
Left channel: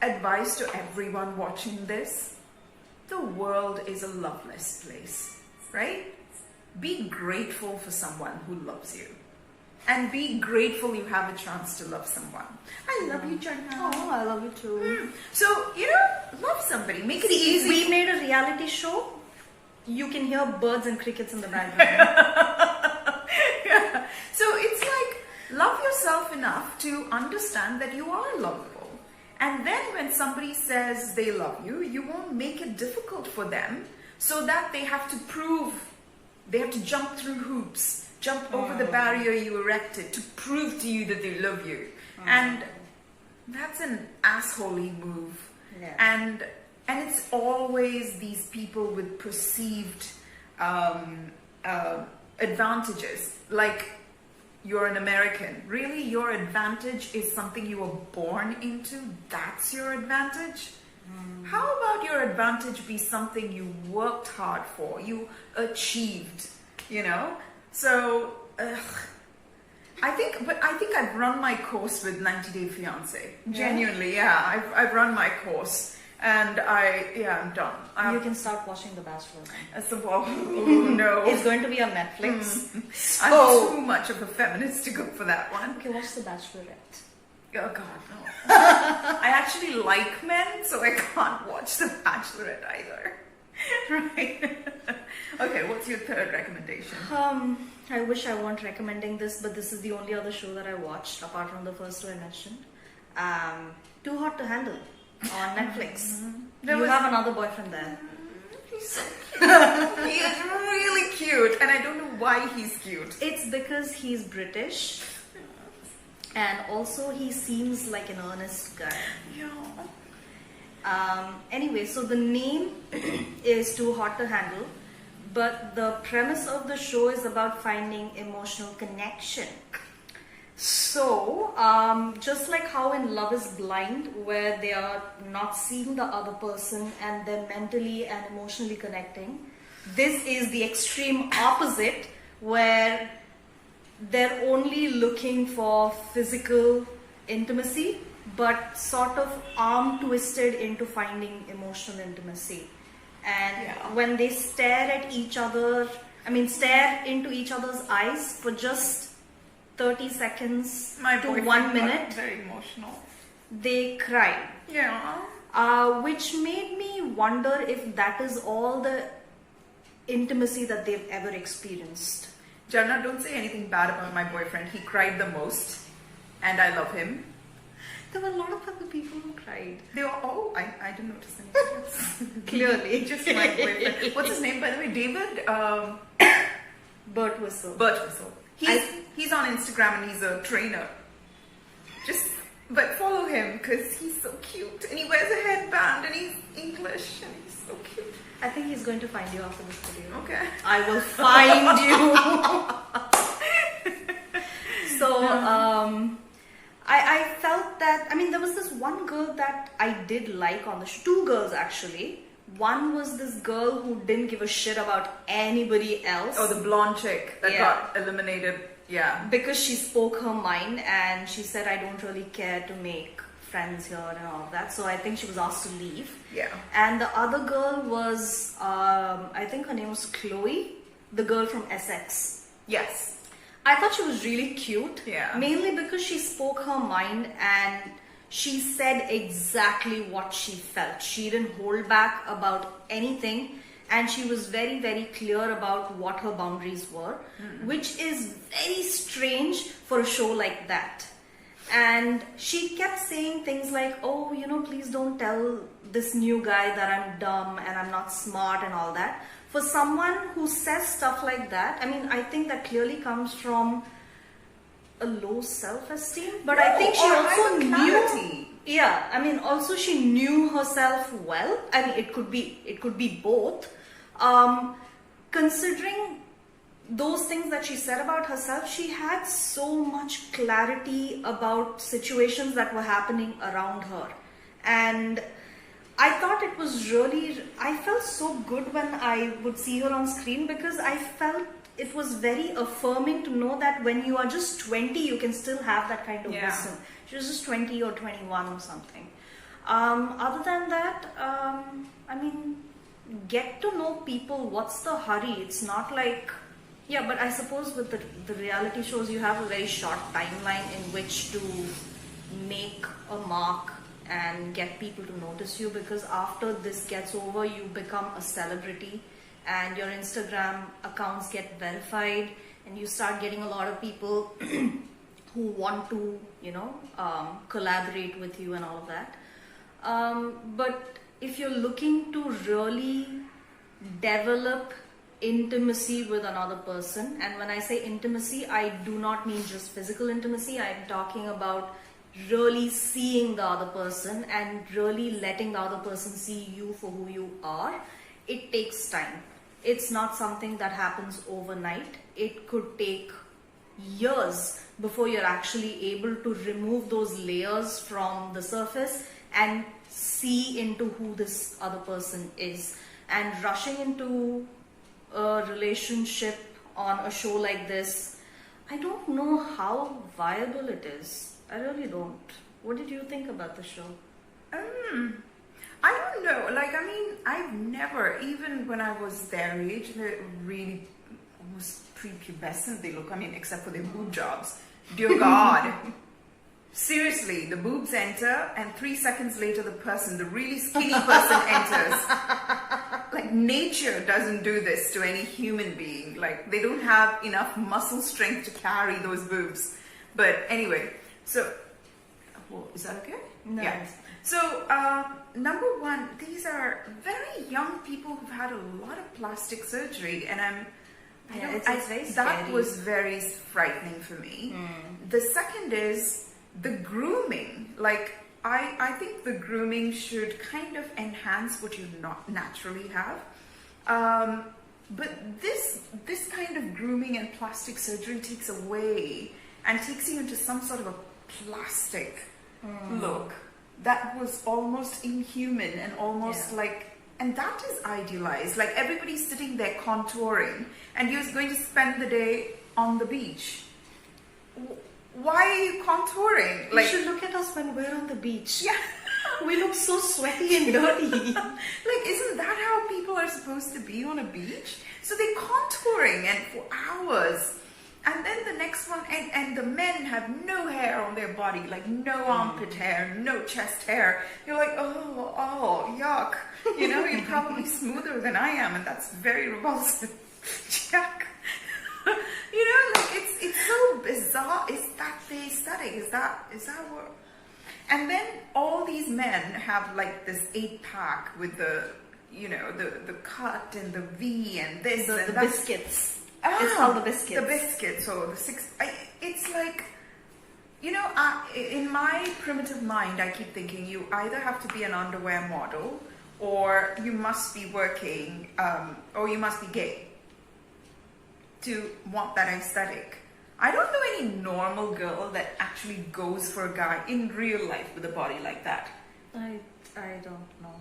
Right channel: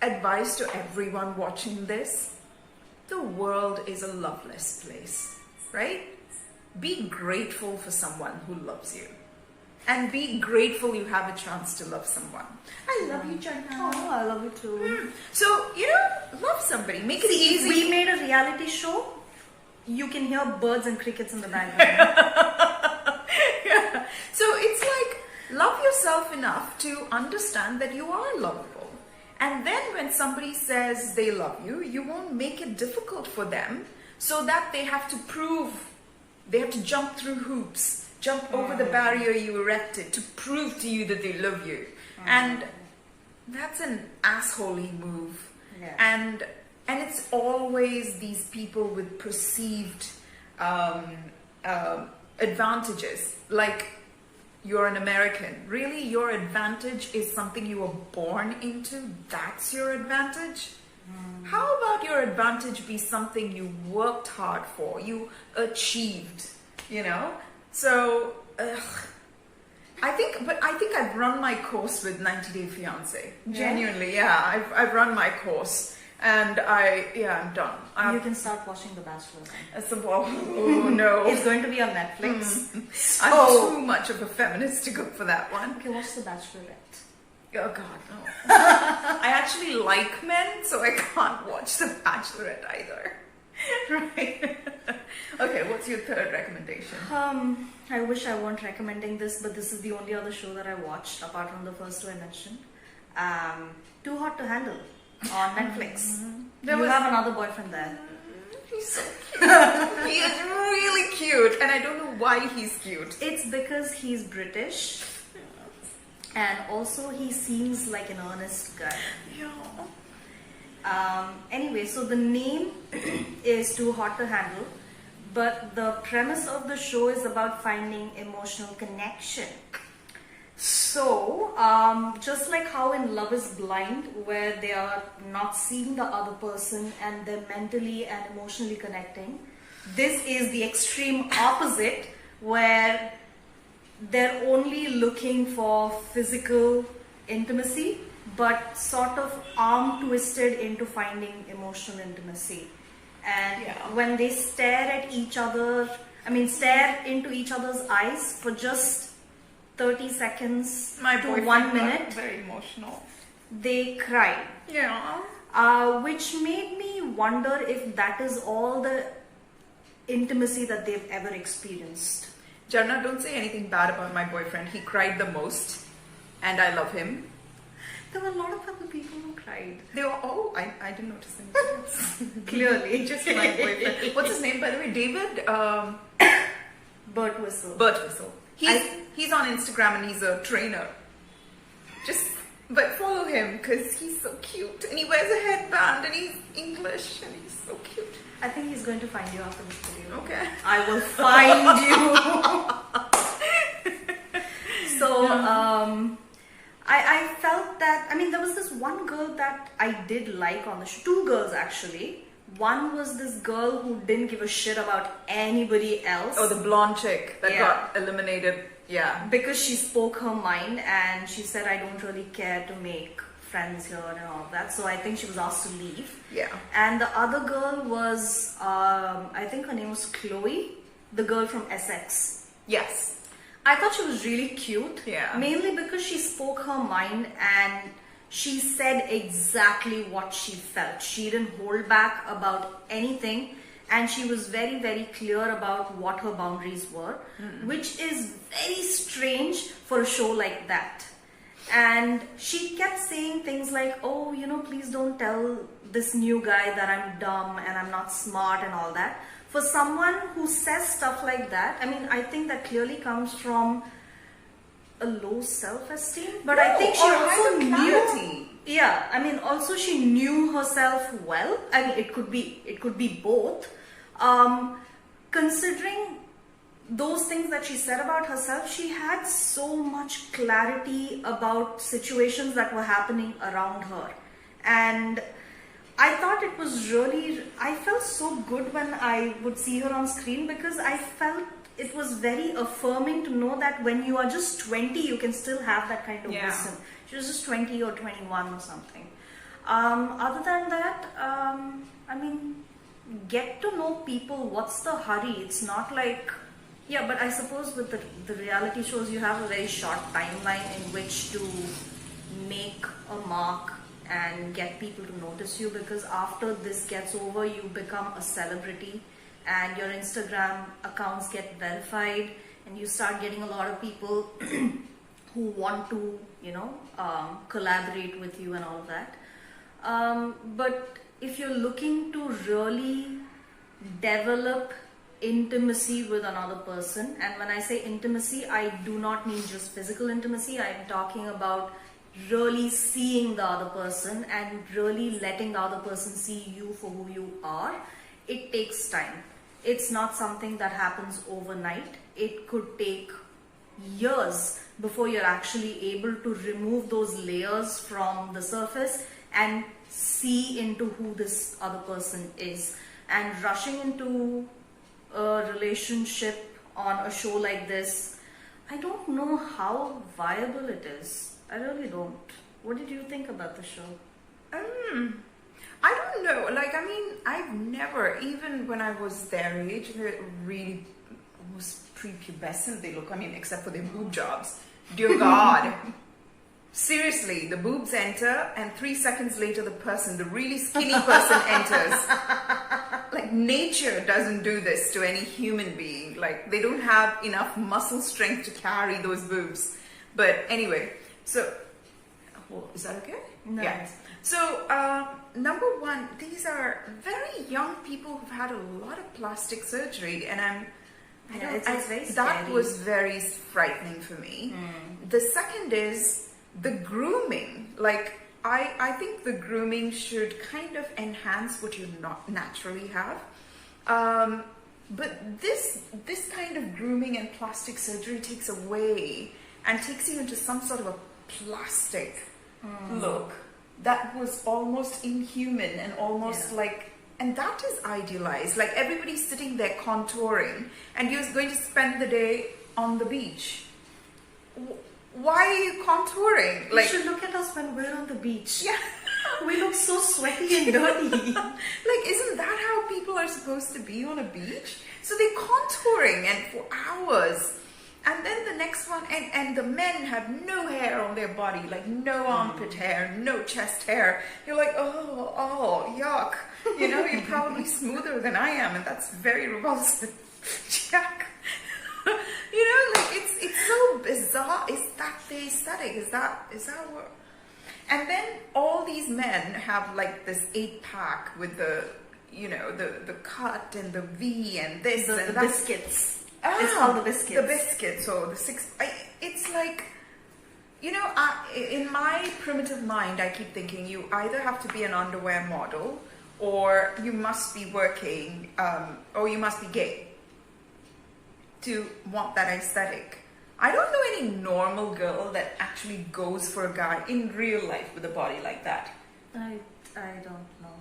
advice to everyone watching this: the world is a loveless place, right? Be grateful for someone who loves you. and be grateful you have a chance to love someone. I love you, Jharna. Oh, I love you too. So, you know, love somebody. Make it easy. If we made a reality show, you can hear birds and crickets in the background. Yeah. So it's like, love yourself enough to understand that you are lovable. And then when somebody says they love you, you won't make it difficult for them so that they have to prove, they have to jump through hoops, jump over the barrier you erected to prove to you that they love you. And that's an assholey move. Yeah. And it's always these people with perceived advantages, like you're an American. Really, your advantage is something you were born into? That's your advantage? How about your advantage be something you worked hard for, you achieved, you know? So, I think I've run my course with 90 Day Fiancé. Genuinely, yeah. I've run my course. And I'm done. You can start watching The Bachelor then. Oh no. It's going to be on Netflix. I'm too much of a feminist to go for that one. Okay, watch The Bachelorette. Oh god, no. I actually like men, so I can't watch The Bachelorette either. Right. Okay, what's your third recommendation? I wish I weren't recommending this, but this is the only other show that I watched apart from the first two I mentioned. Too Hot to Handle on Netflix. You have another boyfriend there. He's so cute. He is really cute, and I don't know why he's cute. It's because he's British, and also he seems like an honest guy. Anyway, so the name is Too Hot to Handle, but the premise of the show is about finding emotional connection. So, just like how in Love is Blind, where they are not seeing the other person and they're mentally and emotionally connecting, this is the extreme opposite, where they're only looking for physical intimacy, but sort of arm twisted into finding emotional intimacy. And when they stare into each other's eyes for just 30 seconds to 1 minute, very emotional. They cry. Yeah. Which made me wonder if that is all the intimacy that they've ever experienced. Jharna, don't say anything bad about my boyfriend. He cried the most, and I love him. There were a lot of other people who cried. They were I didn't notice anything else. Clearly. Just my boyfriend. What's his name, by the way? David? Burt Whistle. Burt Whistle. He's on Instagram and he's a trainer. But follow him because he's so cute and he wears a headband and he's English and he's so cute. I think he's going to find you after this video. Okay. I will find you. So, I felt that, there was this one girl that I did like on the show. Two girls actually. One was this girl who didn't give a shit about anybody else. Oh, the blonde chick that got eliminated. Yeah. Because she spoke her mind and she said, I don't really care to make friends here and all that. So I think she was asked to leave. Yeah. And the other girl was, I think her name was Chloe, the girl from Essex. Yes. I thought she was really cute. Yeah. Mainly because she spoke her mind and she said exactly what she felt. She didn't hold back about anything. And she was very, very clear about what her boundaries were, which is very strange for a show like that. And she kept saying things like, oh, please don't tell this new guy that I'm dumb and I'm not smart and all that. For someone who says stuff like that, I think that clearly comes from a low self-esteem. But I think she also knew... Yeah, also she knew herself well. It could be both. Considering those things that she said about herself, she had so much clarity about situations that were happening around her. And I thought it was I felt so good when I would see her on screen because I felt it was very affirming to know that when you are just 20, you can still have that kind of wisdom. She was just 20 or 21 or something. Other than that, get to know people. What's the hurry? It's not like, Yeah, but I suppose with the reality shows, you have a very short timeline in which to make a mark and get people to notice you, because after this gets over, you become a celebrity and your Instagram accounts get verified and you start getting a lot of people who want to, collaborate with you and all of that. But if you're looking to really develop intimacy with another person, and when I say intimacy, I do not mean just physical intimacy, I'm talking about really seeing the other person and really letting the other person see you for who you are. It takes time. It's not something that happens overnight. It could take years before you're actually able to remove those layers from the surface and see into who this other person is. And rushing into a relationship on a show like this, I don't know how viable it is. I really don't. What did you think about the show? I don't know. Like, I mean, I've never, even when I was their age, really almost prepubescent they look. I mean, except for their boob jobs. Dear God. Seriously, the boobs enter, and 3 seconds later, the really skinny person enters. Like, nature doesn't do this to any human being. Like, they don't have enough muscle strength to carry those boobs. But anyway, so, is that okay? No. Yeah. So, number one, these are very young people who've had a lot of plastic surgery, and that was very frightening for me. The second is the grooming. Like, I think the grooming should kind of enhance what you not naturally have. But this kind of grooming and plastic surgery takes away and takes you into some sort of a plastic look that was almost inhuman and almost like, and that is idealized. Like, everybody's sitting there contouring and you're going to spend the day on the beach. Why are you contouring? Like, you should look at us when we're on the beach. Yeah. We look so sweaty and dirty. Like, isn't that how people are supposed to be on a beach? So they're contouring and for hours. And then the next one, and the men have no hair on their body, like no armpit hair, no chest hair. You're like, oh, yuck. You know, you're probably smoother than I am, and that's very repulsive. Jack. You know, like, it's so bizarre. Is that the aesthetic? Is that what? And then all these men have like this 8-pack with the, the cut and the V and this and the that. Biscuits. It's called the biscuits. The biscuits or the 6. It's like, in my primitive mind, I keep thinking you either have to be an underwear model or you must be working, or you must be gay to want that aesthetic. I don't know any normal girl that actually goes for a guy in real life with a body like that. I don't know.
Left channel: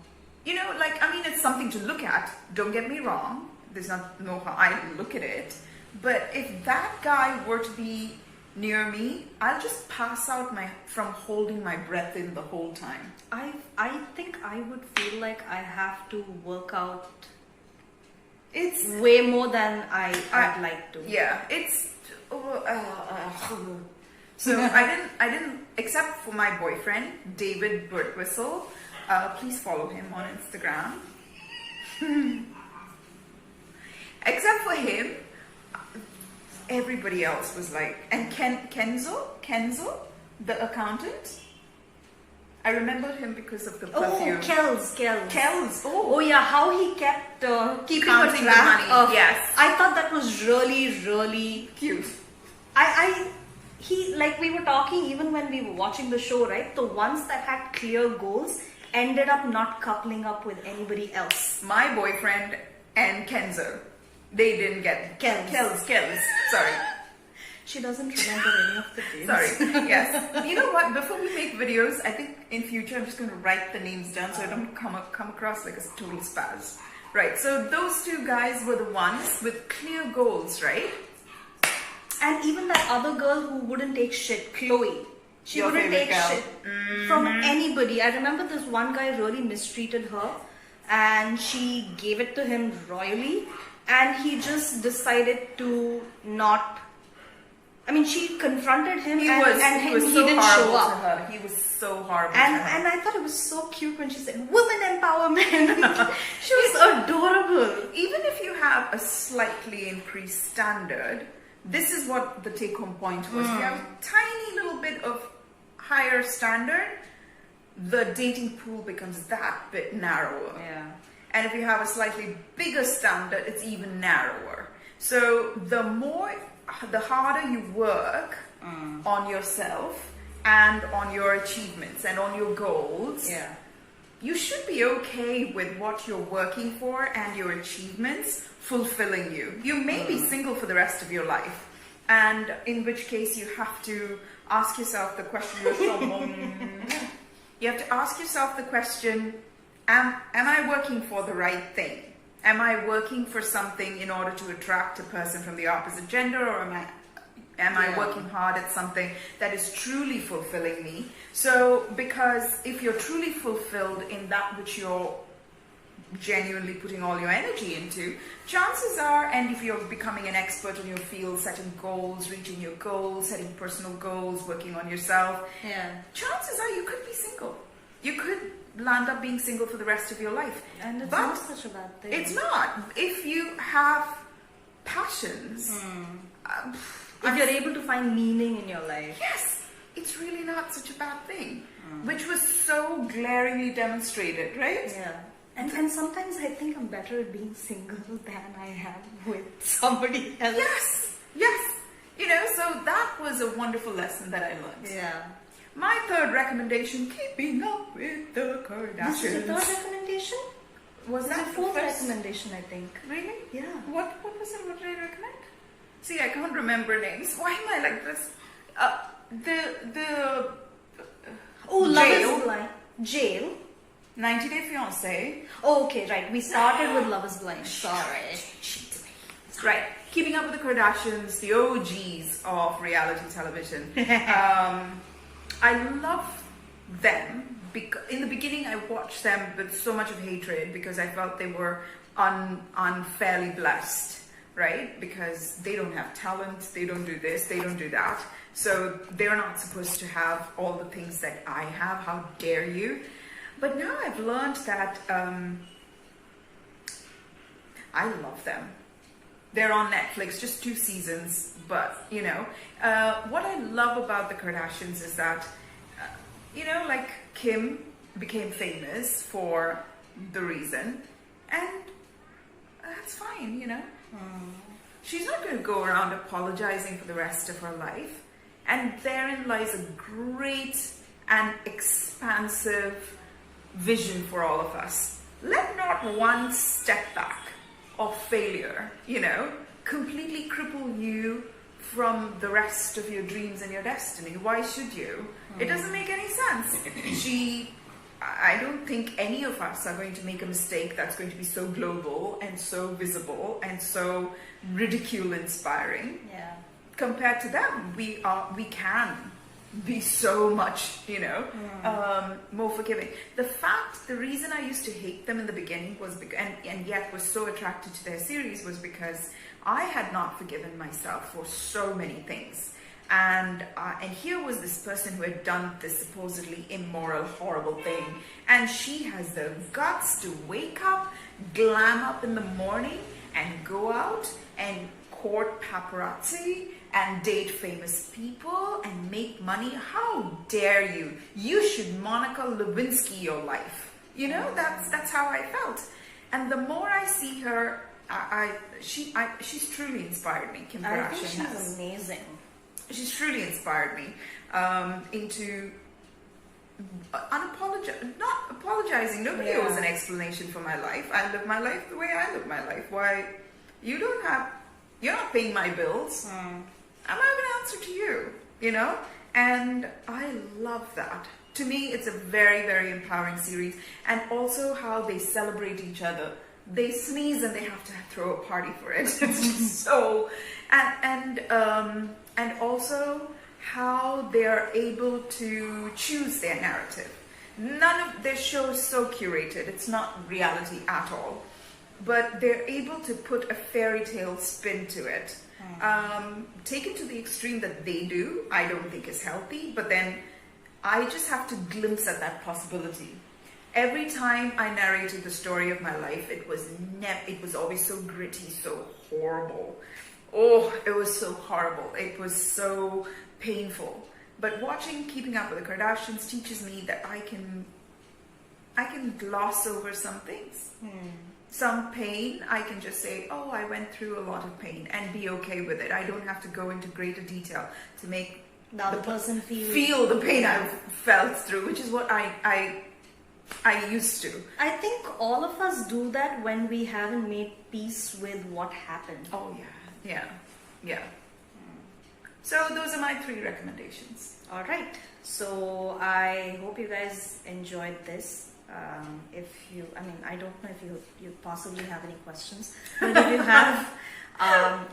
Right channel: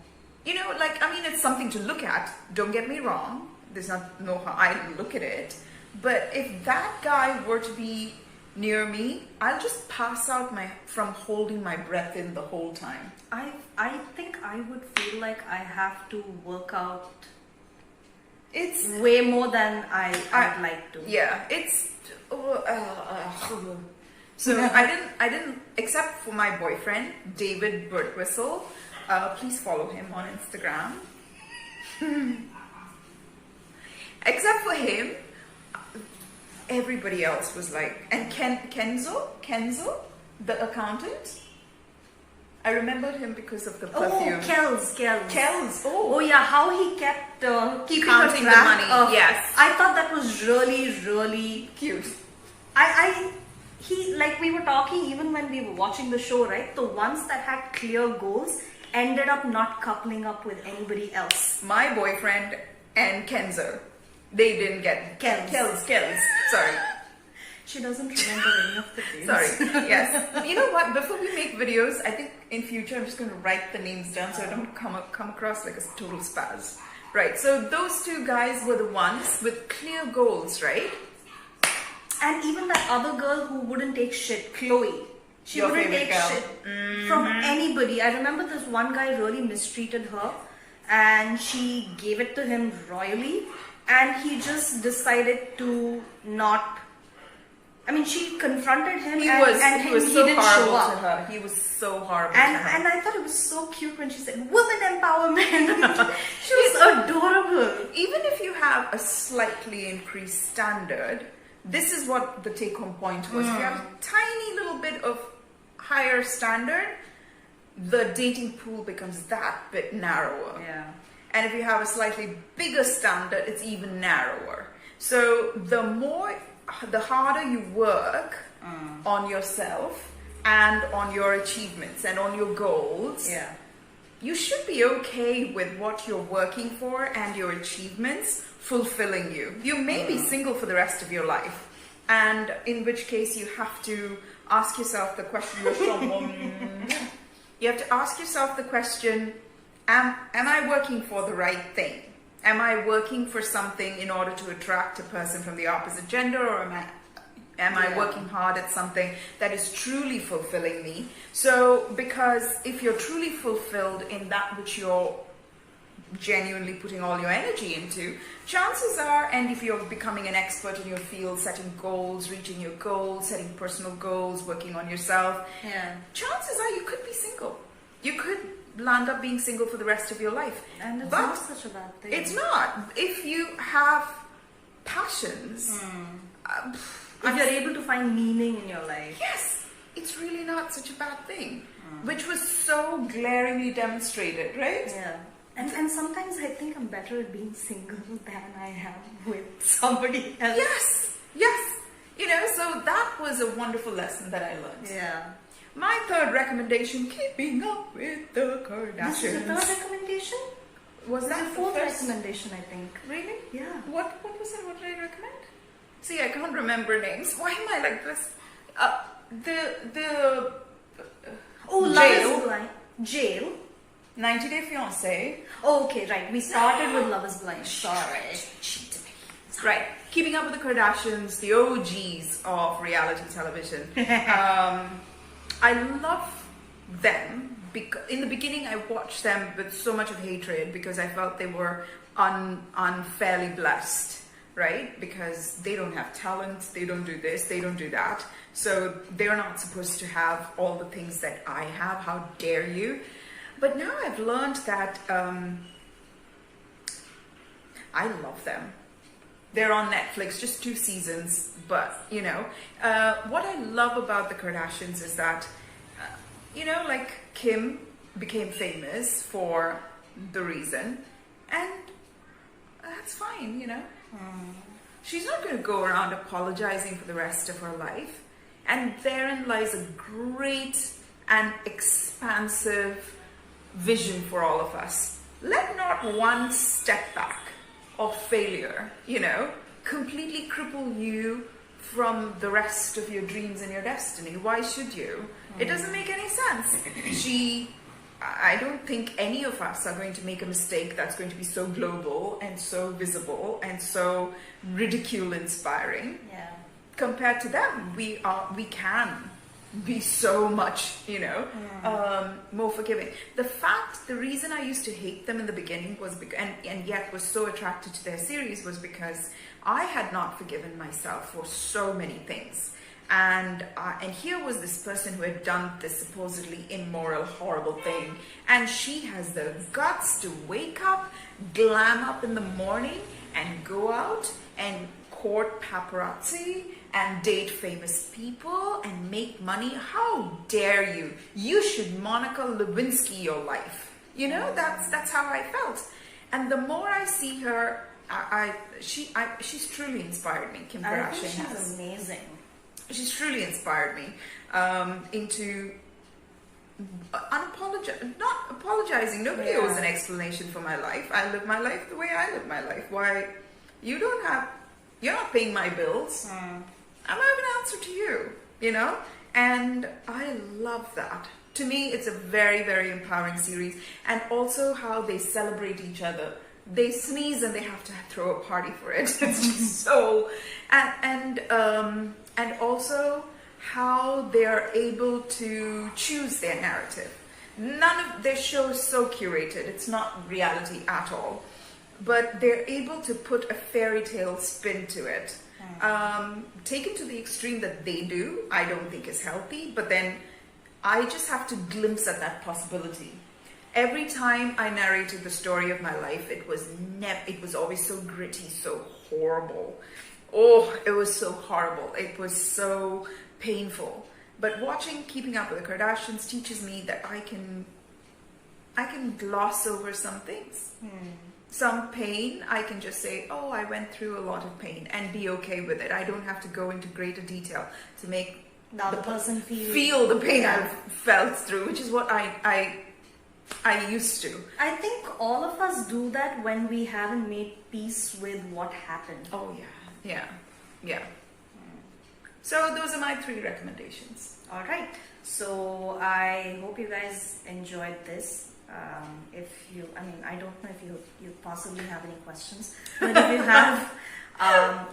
It's something to look at. Don't get me wrong. There's no how I look at it. But if that guy were to be near me, I'll just pass out from holding my breath in the whole time. I think I would feel like I have to work out. It's way more than I'd like to. Yeah, it's. So I didn't, except for my boyfriend, David Birdwhistle. Please follow him on Instagram. Except for him, everybody else was like, and Kenzo, the accountant. I remember him because of the perfume. Oh, Kells. Kells. Oh yeah, how he kept keeping counting a track the money. of. Yes, I thought that was really, really cute. He, like, we were talking even when we were watching the show, right? The ones that had clear goals ended up not coupling up with anybody else. My boyfriend and Kenzo, they didn't get Kells. Sorry. She doesn't remember any of the names. Sorry. Yes. You know what? Before we make videos, I think in future I'm just going to write the names down so I don't come across like a total spaz. Right. So those two guys were the ones with clear goals, right? And even that other girl who wouldn't take shit, Chloe. She wouldn't take shit from anybody. I remember this one guy really mistreated her and she gave it to him royally. and he just decided to not. I mean, she confronted him, He and was he so didn't show horrible up. to her. He was so horrible And to her. and I thought it was so cute when she said women empowerment. She was adorable. Even if you have a slightly increased standard, this is what the take-home point was. If you have a tiny little bit of higher standard, the dating pool becomes that bit narrower. Yeah. And if you have a slightly bigger standard, it's even narrower. So the harder you work on yourself and on your achievements and on your goals, Yeah. you should be okay with what you're working for and your achievements fulfilling you. You may be single for the rest of your life, and in which case you have to ask yourself the question, you have to ask yourself the question, am I working for the right thing? Am I working for something in order to attract a person from the opposite gender, or am I working hard at something that is truly fulfilling me? So, because if you're truly fulfilled in that which you're genuinely putting all your energy into, chances are, and if you're becoming an expert in your field, setting goals, reaching your goals, setting personal goals, working on yourself, chances are you could be single. You could land up being single for the rest of your life. And it's but not such a bad thing. it's not. If you have passions, if you're able to find meaning in your life. yes, it's really not such a bad thing. Which was so glaringly demonstrated, right? Yeah. And sometimes I think I'm better at being single than I am with somebody else. Yes, yes. You know, so that was a wonderful lesson that I learned. Yeah. My third recommendation, keeping up with the Kardashians. This is the third recommendation? Was This that is the the fourth first? Really? Really? Yeah. What was it? What did I recommend? See, I can't remember names. Why am I like this? Love Jail. is Blind. Jail. 90 Day Fiancé. Oh, okay, right. We started with Love is Blind. Sorry. Right. Keeping Up with the Kardashians, the OGs of reality television. I love them. In the beginning, I watched them with so much of hatred because I felt they were unfairly blessed, right? Because they don't have talent, they don't do this, they don't do that. So they're not supposed to have all the things that I have. How dare you? But now I've learned that I love them. They're on Netflix, just 2 seasons, but you know, what I love about the Kardashians is that, you know, like Kim became famous for the reason, and that's fine, you know. She's not going to go around apologizing for the rest of her life, and therein lies a great and expansive vision for all of us. Let not one step back of failure, you know, completely cripple you from the rest of your dreams and your destiny. Why should you? It doesn't make any sense. I don't think any of us are going to make a mistake that's going to be so global and so visible and so ridicule inspiring. Yeah. Compared to them, we can be so much, you know, more forgiving. The reason I used to hate them in the beginning was and yet was so attracted to their series was because I had not forgiven myself for so many things. And here was this person who had done this supposedly immoral, horrible thing, and she has the guts to wake up, glam up in the morning, and go out and court paparazzi and date famous people and make money. How dare you? You should Monica Lewinsky your life. You know, that's how I felt. And the more I see her, she's truly inspired me. Kim Kardashian I think she's amazing. She's truly inspired me into not apologizing. Nobody owes an explanation for my life. I live my life the way I live my life. Why you're not paying my bills. I might have an answer to you, you know? And I love that. To me, it's a very, very empowering series. And also how they celebrate each other. They sneeze and they have to throw a party for it. It's just so... And also how they are able to choose their narrative. None of their show is so curated. It's not reality at all. but they're able to put a fairy tale spin to it. Taken to the extreme that they do, I don't think is healthy, but then I just have to glimpse at that possibility. Every time I narrated the story of my life, it was always so gritty, so horrible. Oh, it was so horrible. It was so painful. But watching Keeping Up with the Kardashians teaches me that I can gloss over some things. Some pain, I can just say, oh, I went through a lot of pain, and be okay with it. I don't have to go into greater detail to make the other person feel the pain I've felt through, which is what I used to. I think all of us do that when we haven't made peace with what happened. Oh yeah. So those are my 3 recommendations. All right. So I hope you guys enjoyed this. I don't know if you possibly have any questions, but if you have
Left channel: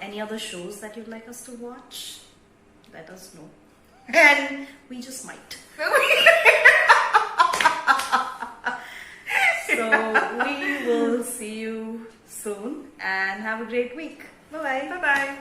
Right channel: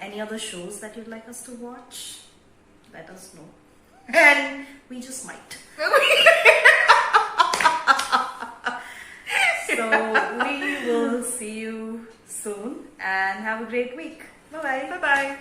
any other shows that you'd like us to watch, let us know. And we just might. So we will see you soon and have a great week. Bye-bye. Bye-bye.